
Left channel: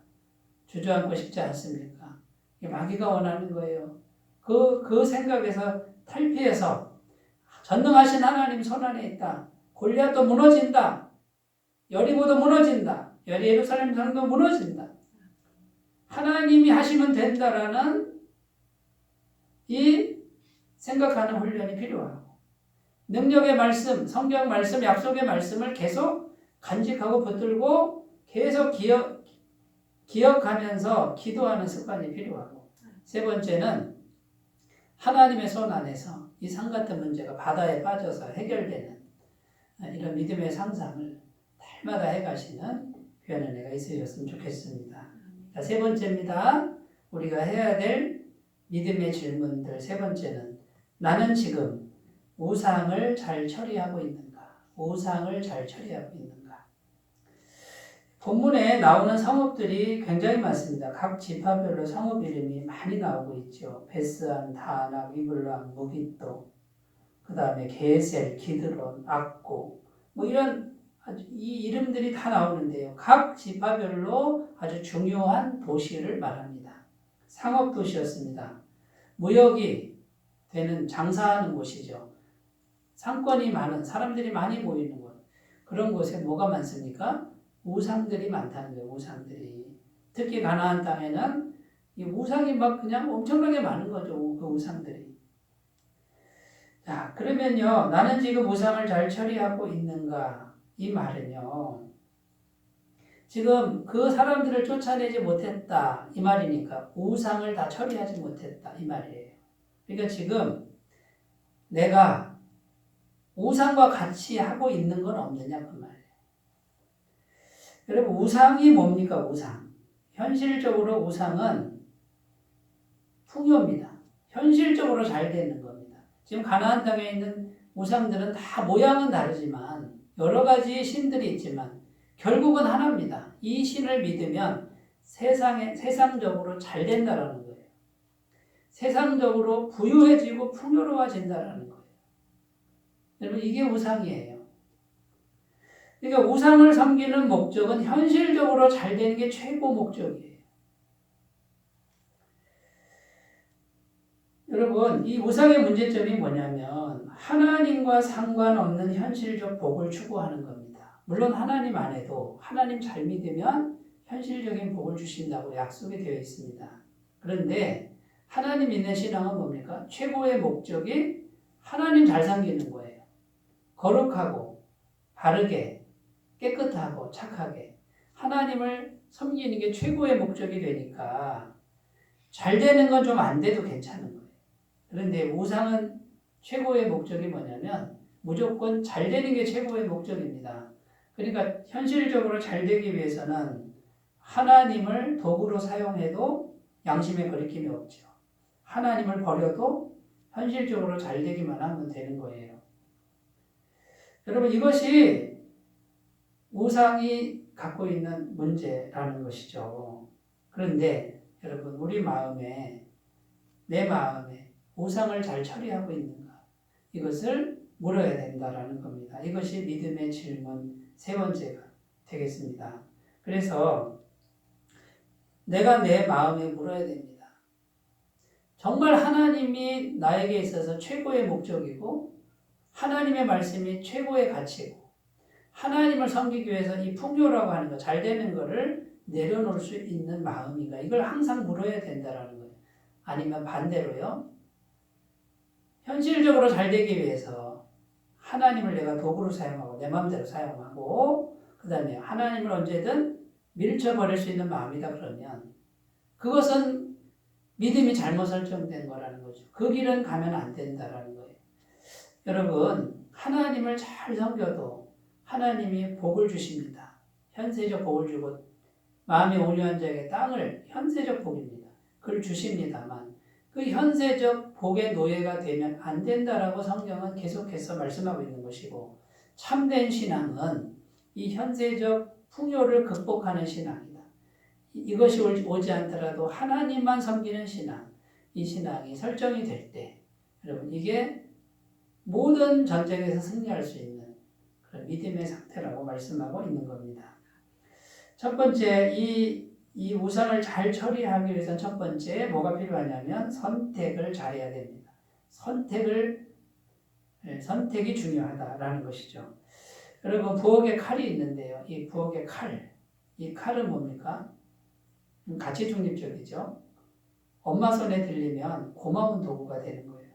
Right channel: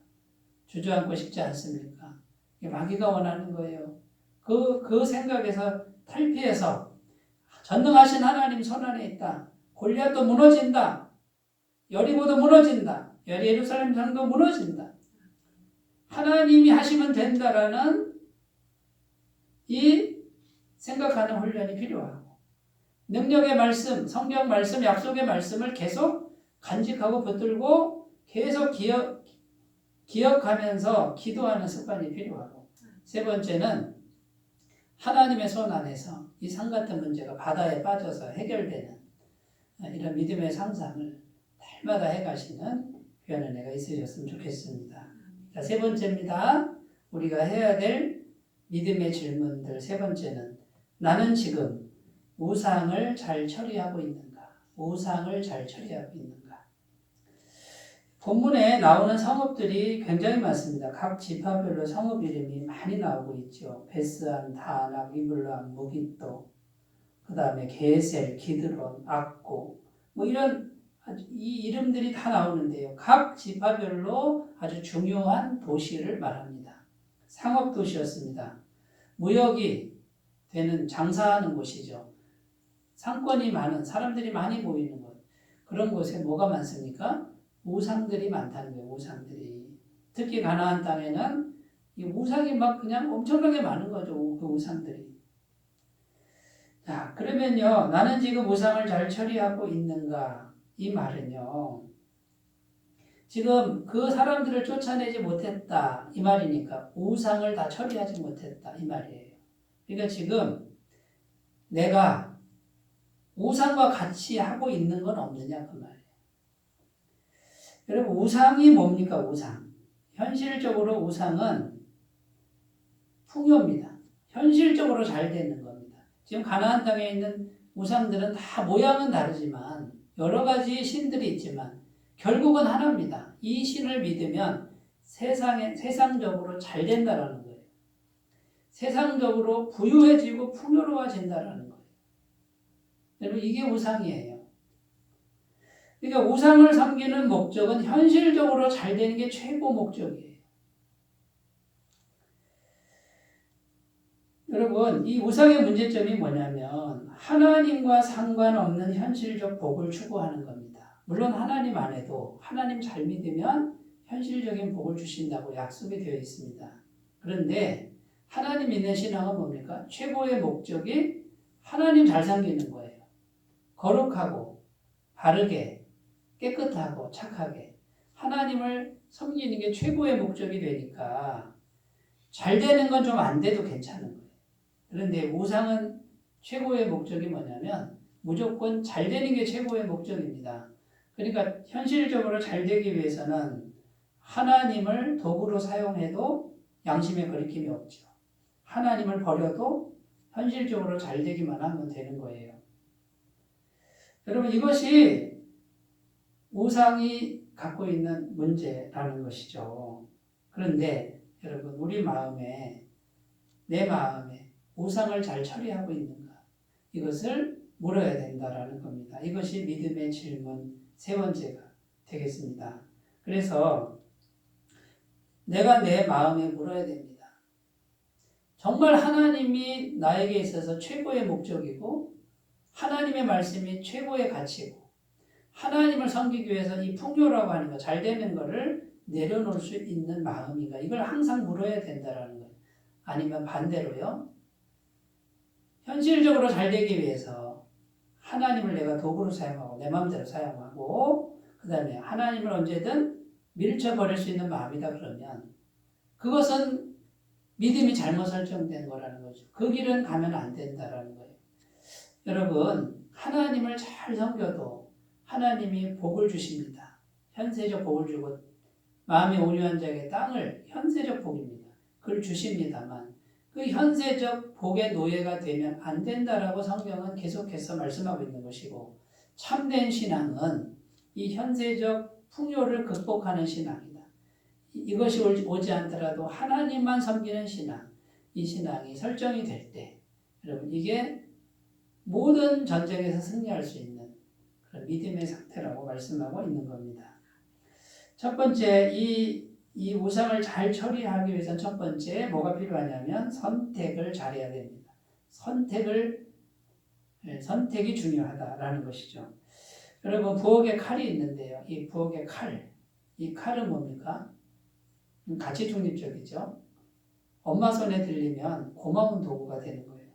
주저앉고 싶지 않습니까? 마귀가 원하는 거예요. 그 생각에서 탈피해서 전능하신 하나님 손안에 있다. 골리앗도 무너진다. 여리고도 무너진다. 예루살렘 성도 무너진다. 하나님이 하시면 된다라는 이 생각하는 훈련이 필요하고, 능력의 말씀, 성경 말씀, 약속의 말씀을 계속 간직하고 붙들고 계속 기억하면서 기도하는 습관이 필요하고, 세 번째는 하나님의 손 안에서 이 산 같은 문제가 바다에 빠져서 해결되는 이런 믿음의 상상을 날마다 해가시는 귀한 은혜가 있으셨으면 좋겠습니다. 자, 세 번째입니다. 우리가 해야 될 믿음의 질문들 세 번째는, 나는 지금 우상을 잘 처리하고 있는가? 우상을 잘 처리하고 있는가? 본문에 나오는 성읍들이 굉장히 많습니다. 각 지파별로 성읍 이름이 많이 나오고 있죠. 베스안, 다낙, 이블람, 무깃도, 그 다음에 게셀, 기드론, 악고, 이런 이 이름들이 다 나오는데요. 각 지파별로 아주 중요한 도시를 말합니다. 상업 도시였습니다. 무역이 되는, 장사하는 곳이죠. 상권이 많은, 사람들이 많이 모이는 곳. 그런 곳에 뭐가 많습니까? 우상들이 많다는 거예요. 우상들이. 특히 가나안 땅에는 이 우상이 막 그냥 엄청나게 많은 거죠. 그 우상들이. 자, 그러면요, 나는 지금 우상을 잘 처리하고 있는가? 이 말은요, 지금 그 사람들을 쫓아내지 못했다 이 말이니까 우상을 다 처리하지 못했다 이 말이에요. 그러니까 지금 내가 우상과 같이 하고 있는 건 없느냐 그 말이에요. 여러분, 우상이 뭡니까? 우상. 현실적으로 우상은 풍요입니다. 현실적으로 잘 되는 겁니다. 지금 가나안 땅에 있는 우상들은 다 모양은 다르지만 여러 가지 신들이 있지만 결국은 하나입니다. 이 신을 믿으면 세상적으로 잘 된다라는 거예요. 세상적으로 부유해지고 풍요로워진다라는 거예요. 여러분, 이게 우상이에요. 그러니까 우상을 섬기는 목적은 현실적으로 잘 되는 게 최고 목적이에요. 여러분, 이 우상의 문제점이 뭐냐면 하나님과 상관없는 현실적 복을 추구하는 겁니다. 물론 하나님 안에도 하나님 잘 믿으면 현실적인 복을 주신다고 약속이 되어 있습니다. 그런데 하나님 믿는 신앙은 뭡니까? 최고의 목적이 하나님 잘 섬기는 거예요. 거룩하고 바르게 깨끗하고 착하게 하나님을 섬기는 게 최고의 목적이 되니까 잘 되는 건 좀 안 돼도 괜찮은 거예요. 그런데 우상은 최고의 목적이 뭐냐면 무조건 잘 되는 게 최고의 목적입니다. 그러니까 현실적으로 잘 되기 위해서는 하나님을 도구로 사용해도 양심의 거리낌이 없죠. 하나님을 버려도 현실적으로 잘 되기만 하면 되는 거예요. 여러분 이것이 우상이 갖고 있는 문제라는 것이죠. 그런데 여러분 우리 마음에 내 마음에 우상을 잘 처리하고 있는가? 이것을 물어야 된다라는 겁니다. 이것이 믿음의 질문 세 번째가 되겠습니다. 그래서 내가 내 마음에 물어야 됩니다. 정말 하나님이 나에게 있어서 최고의 목적이고 하나님의 말씀이 최고의 가치고 하나님을 섬기기 위해서 이 풍요라고 하는 거, 잘 되는 거를 내려놓을 수 있는 마음인가? 이걸 항상 물어야 된다라는 거예요. 아니면 반대로요. 현실적으로 잘 되기 위해서 하나님을 내가 도구로 사용하고 내 마음대로 사용하고 그 다음에 하나님을 언제든 밀쳐버릴 수 있는 마음이다 그러면 그것은 믿음이 잘못 설정된 거라는 거죠. 그 길은 가면 안 된다라는 거예요. 여러분 하나님을 잘 섬겨도 하나님이 복을 주십니다. 현세적 복을 주고 마음이 온유한 자에게 땅을 현세적 복입니다. 그걸 주십니다만 그 현세적 복의 노예가 되면 안 된다라고 성경은 계속해서 말씀하고 있는 것이고 참된 신앙은 이 현세적 풍요를 극복하는 신앙이다. 이것이 오지 않더라도 하나님만 섬기는 신앙, 이 신앙이 설정이 될 때 여러분 이게 모든 전쟁에서 승리할 수 있는 그런 믿음의 상태라고 말씀하고 있는 겁니다. 첫 번째 이 우상을 잘 처리하기 위해서는 첫 번째 뭐가 필요하냐면 선택을 잘해야 됩니다. 선택이 중요하다라는 것이죠. 여러분 부엌에 칼이 있는데요. 이 부엌의 이 칼은 뭡니까? 가치 중립적이죠. 엄마 손에 들리면 고마운 도구가 되는 거예요.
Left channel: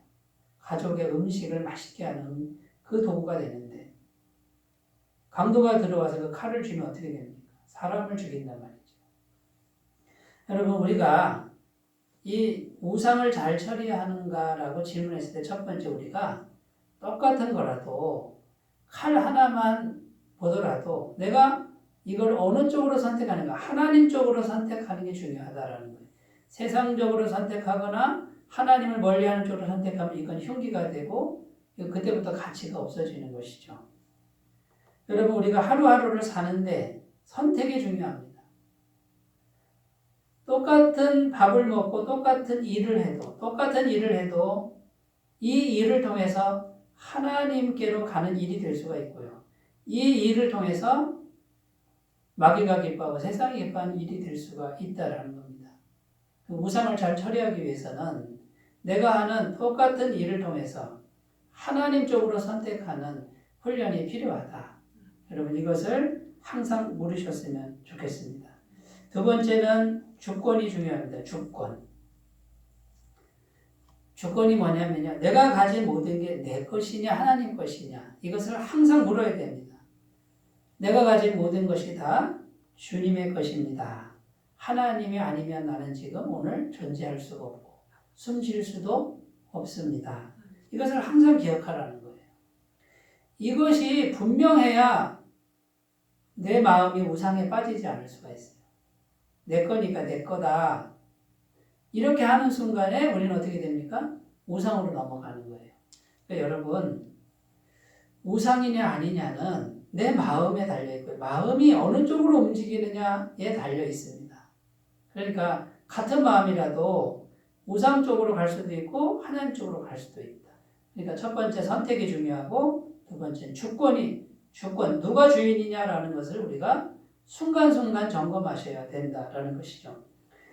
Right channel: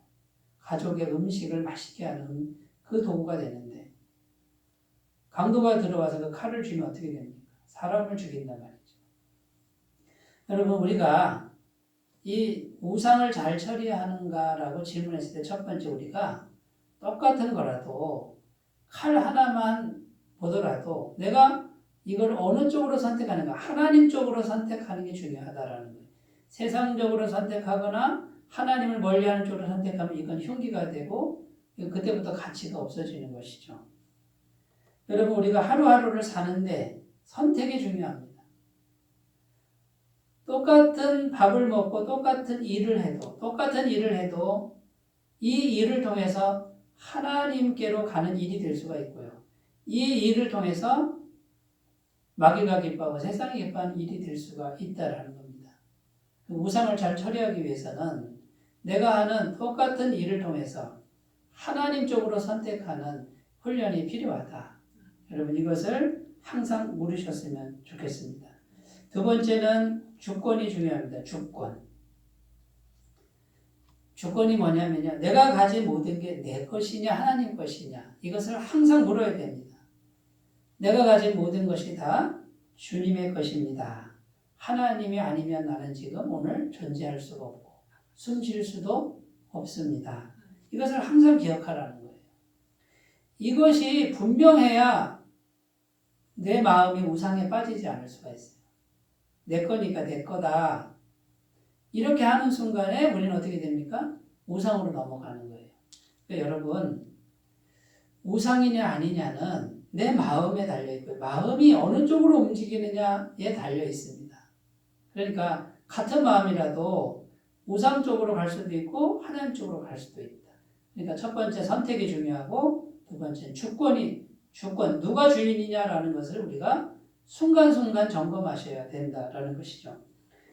가족의 음식을 맛있게 하는 그 도구가 되는데 강도가 들어와서 그 칼을 쥐면 어떻게 됩니까? 사람을 죽인단 말이죠. 여러분 우리가 이 우상을 잘 처리하는가라고 질문했을 때 첫 번째 우리가 똑같은 거라도 칼 하나만 보더라도 내가 이걸 어느 쪽으로 선택하는가 하나님 쪽으로 선택하는 게 중요하다라는 거예요. 세상적으로 선택하거나 하나님을 멀리하는 쪽으로 선택하면 이건 흉기가 되고 그때부터 가치가 없어지는 것이죠. 여러분 우리가 하루하루를 사는데 선택이 중요합니다. 똑같은 밥을 먹고 똑같은 일을 해도 이 일을 통해서 하나님께로 가는 일이 될 수가 있고요. 이 일을 통해서 마귀가 기뻐하고 세상이 기뻐하는 일이 될 수가 있다는 겁니다. 우상을 잘 처리하기 위해서는 내가 하는 똑같은 일을 통해서 하나님 쪽으로 선택하는 훈련이 필요하다. 여러분 이것을 항상 물으셨으면 좋겠습니다. 두 번째는 주권이 중요합니다. 주권이 뭐냐면요. 내가 가진 모든 게 내 것이냐 하나님 것이냐 이것을 항상 물어야 됩니다. 내가 가진 모든 것이 다 주님의 것입니다. 하나님이 아니면 나는 지금 오늘 존재할 수가 없고 숨 쉴 수도 없습니다. 이것을 항상 기억하라는 거예요. 이것이 분명해야 내 마음이 우상에 빠지지 않을 수가 있어요. 내 거니까 내 거다. 이렇게 하는 순간에 우리는 어떻게 됩니까? 우상으로 넘어가는 거예요. 그러니까 여러분 우상이냐 아니냐는 내 마음에 달려있고요. 마음이 어느 쪽으로 움직이느냐에 달려있습니다. 그러니까 같은 마음이라도 우상 쪽으로 갈 수도 있고 하나님 쪽으로 갈 수도 있다. 그러니까 첫 번째 선택이 중요하고 두 번째는 주권 누가 주인이냐라는 것을 우리가 순간순간 점검하셔야 된다라는 것이죠.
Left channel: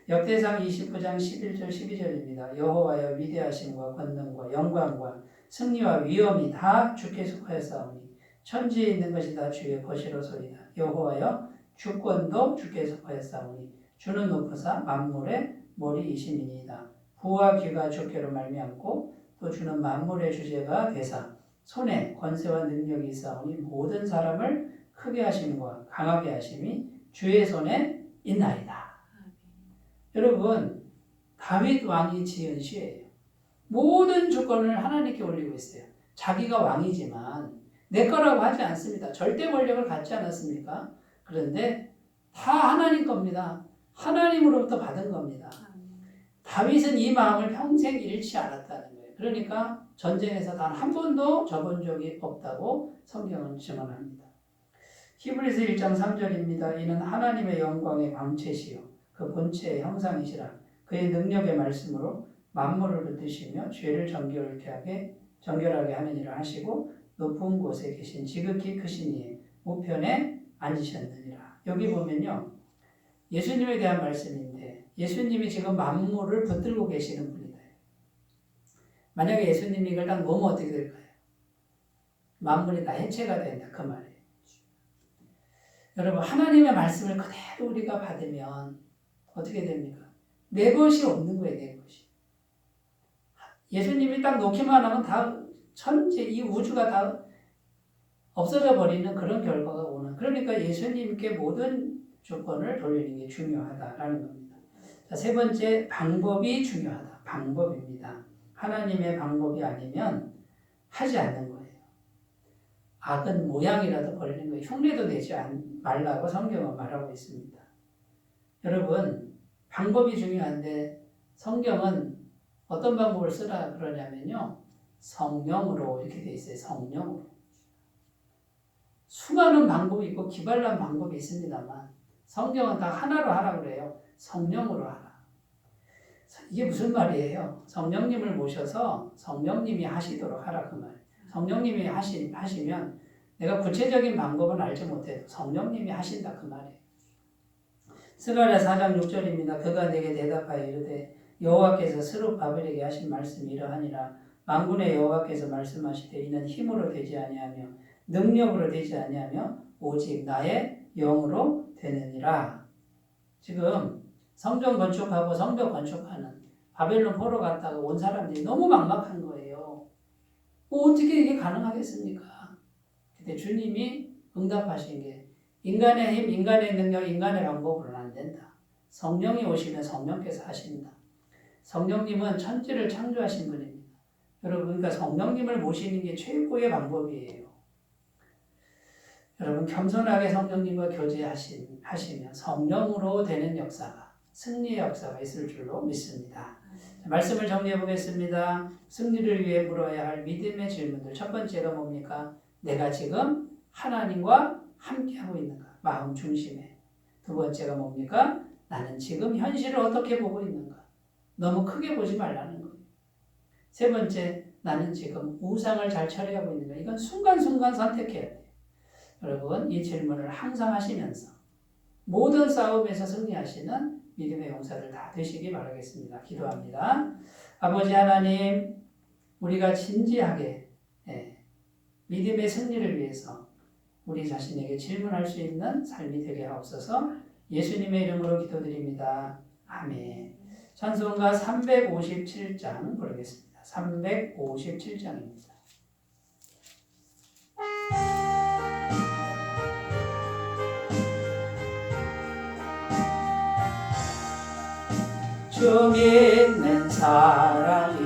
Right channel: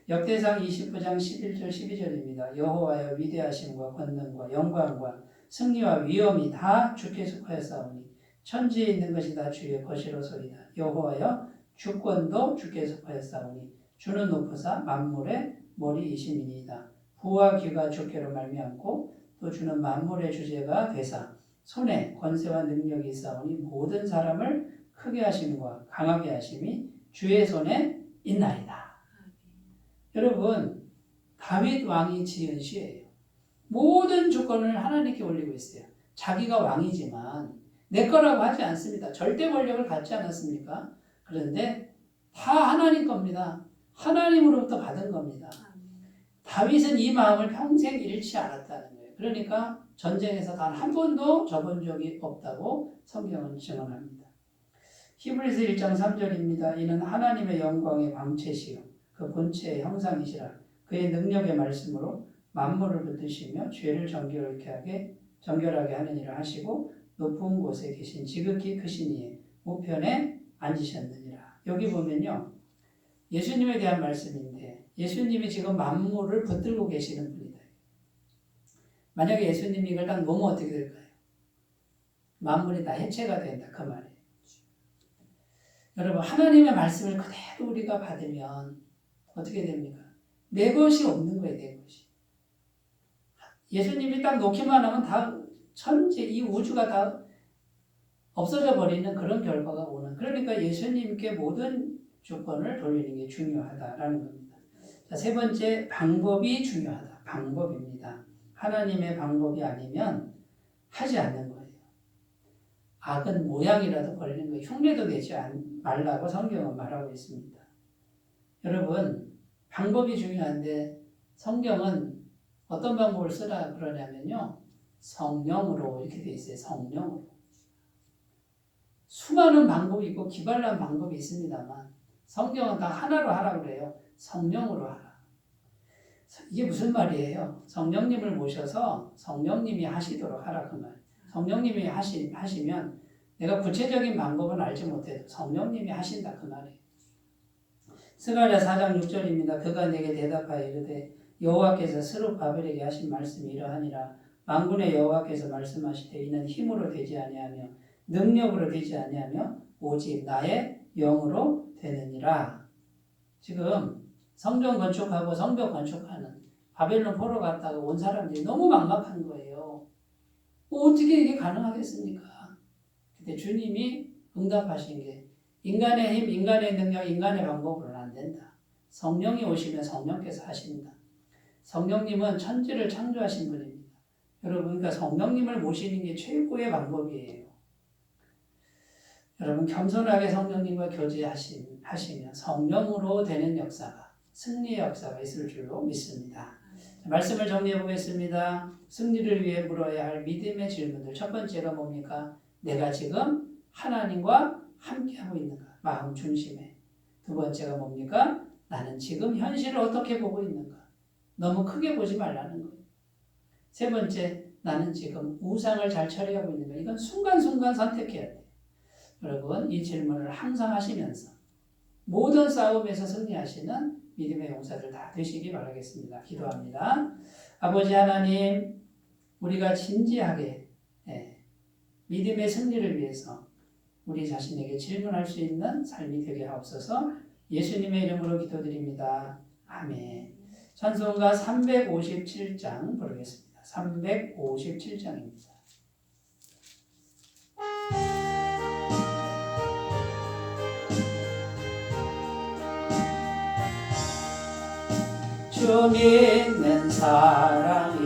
역대상 29장 11절 12절입니다. 여호와여 위대하심과 권능과 영광과 승리와 위엄이 다 주께 속하였사오니 천지에 있는 것이 다 주의 것이로소이다. 여호와여 주권도 주께 속하였사오니 주는 높으사 만물의 머리이심이니이다. 부와 귀가 주께로 말미암고 또 주는 만물의 주제가 되사 손에 권세와 능력이 있사오니 모든 사람을 크게 하심과 강하게 하심이 주의 손에 있나이다. 여러분 다윗 왕이 지은 시예요. 모든 주권을 하나님께 올리고 있어요. 자기가 왕이지만 내 거라고 하지 않습니다. 절대 권력을 갖지 않았습니까? 그런데 다 하나님 겁니다. 하나님으로부터 받은 겁니다. 다윗은 이 마음을 평생 잃지 않았다는 거예요. 그러니까 전쟁에서 단 한 번도 져본 적이 없다고 성경은 증언합니다. 히브리서 1장 3절입니다. 이는 하나님의 영광의 광채시요 그 본체의 형상이시라. 그의 능력의 말씀으로 만물을 붙드시며 죄를 정결하게 하는 일을 하시고 높은 곳에 계신 지극히 크신 이의 우편에 앉으셨느니라. 여기 보면요. 예수님에 대한 말씀인데 예수님이 지금 만물을 붙들고 계시는 분이다. 만약에 예수님이 이걸 딱 놓으면 어떻게 될까요? 만물이 다 해체가 된다. 그 말이에요. 여러분 하나님의 말씀을 그대로 우리가 받으면 어떻게 됩니까? 내 것이 없는 거예요. 내 것이. 예수님이 딱 놓기만 하면 다 천지 이 우주가 다 없어져 버리는 그런 결과가 오는. 그러니까 예수님께 모든 조건을 돌리는 게 중요하다라는 겁니다. 자, 세 번째 방법이 중요하다. 방법입니다. 하나님의 방법이 아니면 하지 않는 거예요. 악은 모양이라도 버리는 거예요. 흉내도 내지 말라고 성경은 말하고 있습니다. 여러분 방법이 중요한데 성경은 어떤 방법을 쓰라 그러냐면요. 성령으로 이렇게 돼 있어요. 성령으로. 수많은 방법이 있고 기발한 방법이 있습니다만 성경은 다 하나로 하라고 그래요. 성령으로 하라. 이게 무슨 말이에요? 성령님을 모셔서 성령님이 하시도록 하라 그 말. 성령님이 하시면 내가 구체적인 방법은 알지 못해도 성령님이 하신다 그 말이에요. 스가랴 4장 6절입니다. 그가 내게 대답하여 이르되 여호와께서 스룹바벨에게 하신 말씀이 이러하니라. 만군의 여호와께서 말씀하시되 이는 힘으로 되지 아니하며 능력으로 되지 아니하며 오직 나의 영으로 되느니라. 지금 성전 건축하고 성벽 건축하는 바벨론 포로 갔다가 온 사람들이 너무 막막한 거예요. 어떻게 이게 가능하겠습니까? 근데 주님이 응답하신 게 인간의 힘, 인간의 능력, 인간의 방법으로는 안 된다. 성령이 오시면 성령께서 하신다. 성령님은 천지를 창조하신 분입니다. 여러분, 그러니까 성령님을 모시는 게 최고의 방법이에요. 여러분, 겸손하게 성령님과 교제하시면 성령으로 되는 역사가, 승리의 역사가 있을 줄로 믿습니다. 자, 말씀을 정리해 보겠습니다. 승리를 위해 물어야 할 믿음의 질문들. 첫 번째가 뭡니까? 내가 지금 하나님과 함께하고 있는가? 마음 중심에. 두 번째가 뭡니까? 나는 지금 현실을 어떻게 보고 있는가? 너무 크게 보지 말라는 거예요. 세 번째, 나는 지금 우상을 잘 처리하고 있는가? 이건 순간순간 선택해야 돼요. 여러분, 이 질문을 항상 하시면서 모든 싸움에서 승리하시는 믿음의 용사들 다 되시기 바라겠습니다. 기도합니다. 아버지 하나님, 우리가 진지하게 믿음의 승리를 위해서 우리 자신에게 질문할 수 있는 삶이 되게 하옵소서. 예수님의 이름으로 기도드립니다. 아멘. 찬송가 357장 부르겠습니다. 357장입니다. 주 믿는 사람이라면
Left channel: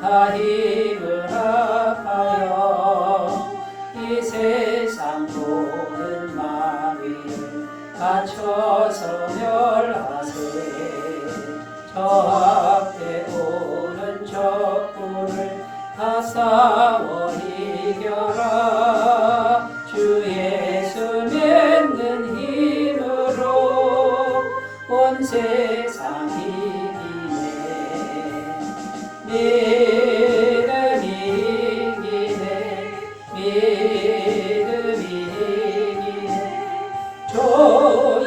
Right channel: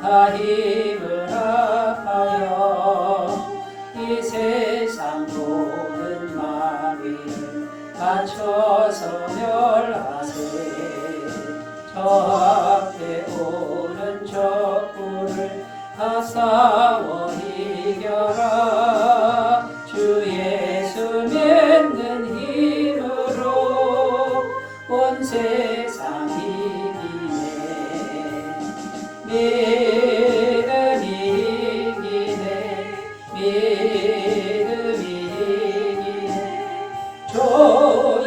다 힘을 합하여 이 세상 모든 마귀를 맞춰서 멸하세. 저 앞에 오는 적군을 다 싸워 이겨라. 주 예수 믿는 힘으로 온 세상 이기네. 믿음이 이기네. 믿음이 이기네. 주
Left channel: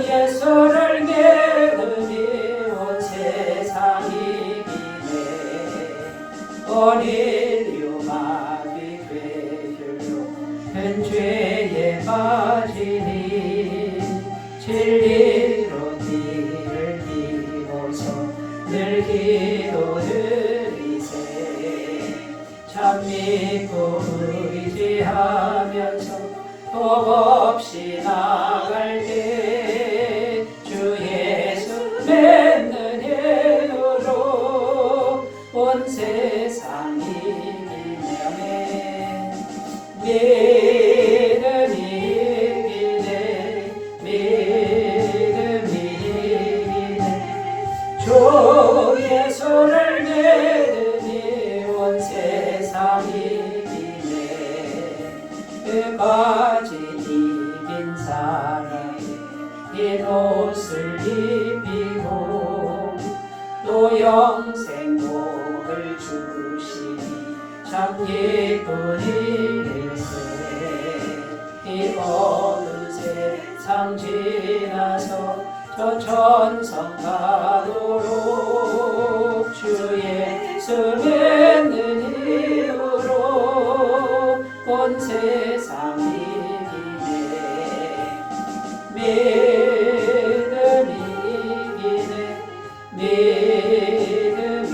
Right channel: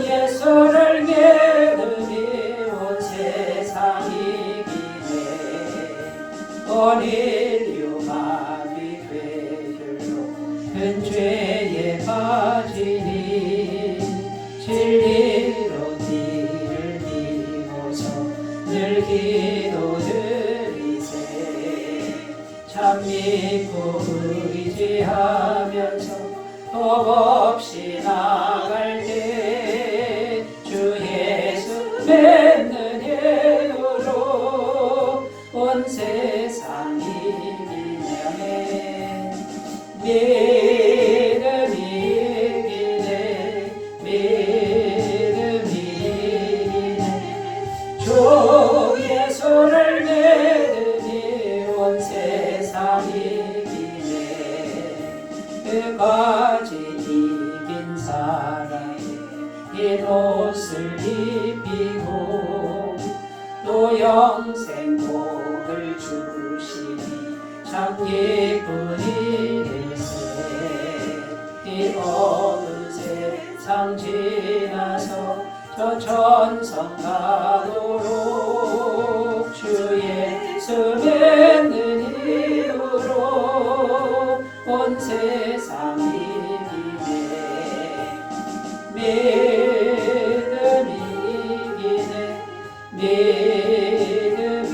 예수를 믿음이 온 세상 이기네. 온 인류 마귀 괴혈로 큰 죄에 빠지니 진리로 뒤를 비고서 늘 기도드리세. 참 믿고 의지하면서 겁없이 나갈 때 주 예수 믿는 힘으로 온 세상 이기네. 믿음이 이기네. 믿음이 이기네. 주 그까지 이긴 사람의 흰 옷을 입히고 또 영생 복을 주시니 참 기쁜 일일세. 이 어두운 세상 지나서 저 천성 가도록 주 예수 믿는 힘으로 온 세상 이기네. 믿음이 이기네. 믿음이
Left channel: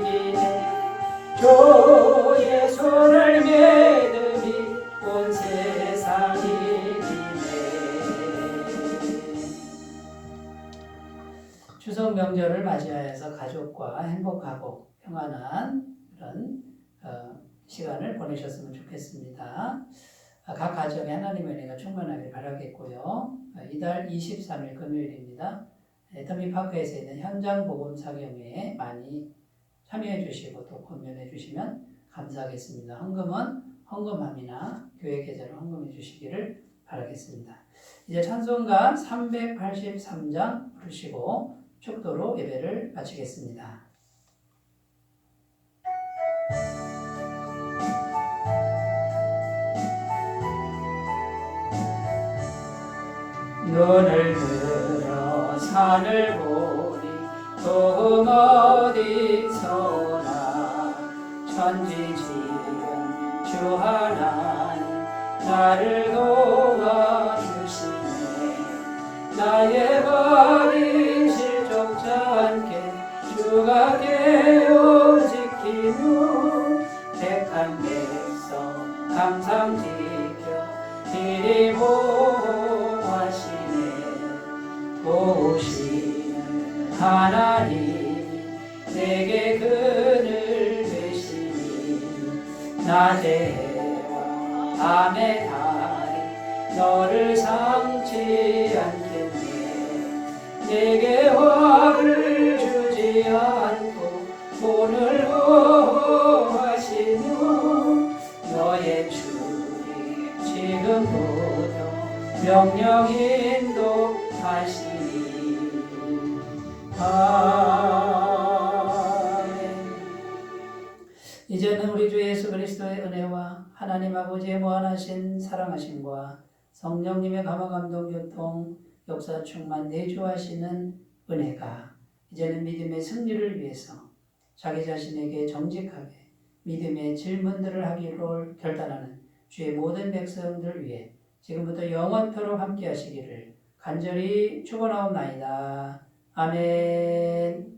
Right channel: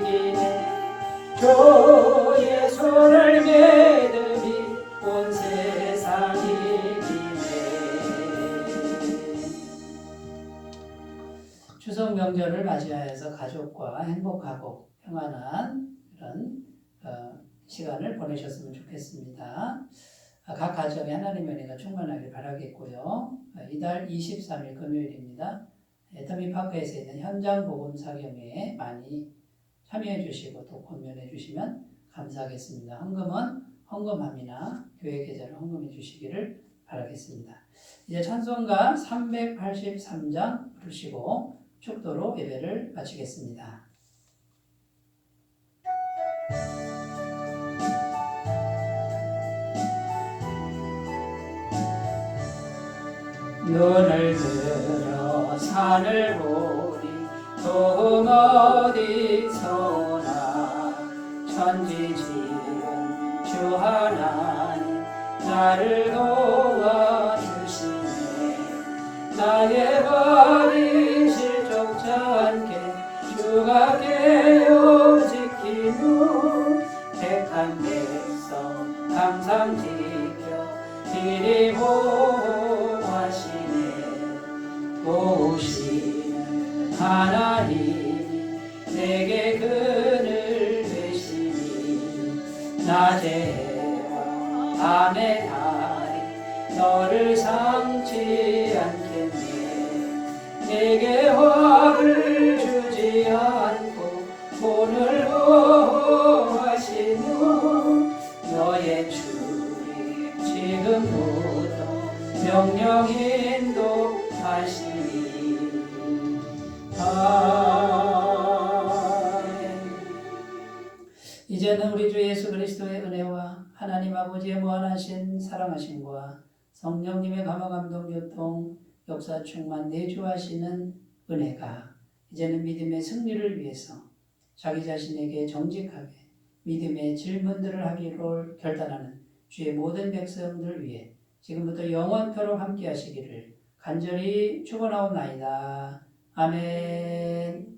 이기네. 주 예수를 믿음이 온 세상 이기네. 추석 명절을 맞이하여서 가족과 행복하고 평안한 그런 시간을 보내셨으면 좋겠습니다. 각 가정에 하나님의 은혜가 충만하길 바라겠고요. 이달 23일 금요일입니다. 애터미파크에서 있는 현장 복음 사경회에 많이 참여해 주시고 또 권면해 주시면 감사하겠습니다. 헌금은 헌금함이나 교회 계좌로 헌금해 주시기를 바라겠습니다. 이제 찬송가 383장 부르시고 축도로 예배를 마치겠습니다. 눈을 들어 산을 보리 또 어디서나 천지지은 주 하나님 나를 도와주시네. 나의 발이 실족지 않게 주가 깨어 지키고 택한 백성 항상 지켜 이리 보호하시네. 도우시는 하나님 내게 그늘 되시니 낮에 해와 밤에 달이 너를 상치 않겠네. 내게 화를 주지 않고 돈을 보호하시는 너의 주님 지금부터 명령 인도하시니. 아멘. 이제는 우리 주 예수 그리스도의 은혜와 하나님 아버지의 무한하신 사랑하심과 성령님의 감화 감동 교통 역사 충만 내주하시는 은혜가 이제는 믿음의 승리를 위해서 자기 자신에게 정직하게 믿음의 질문들을 하기로 결단하는 주의 모든 백성들 위해 지금부터 영원토록 함께 하시기를 간절히 축원하옵나이다. 아멘.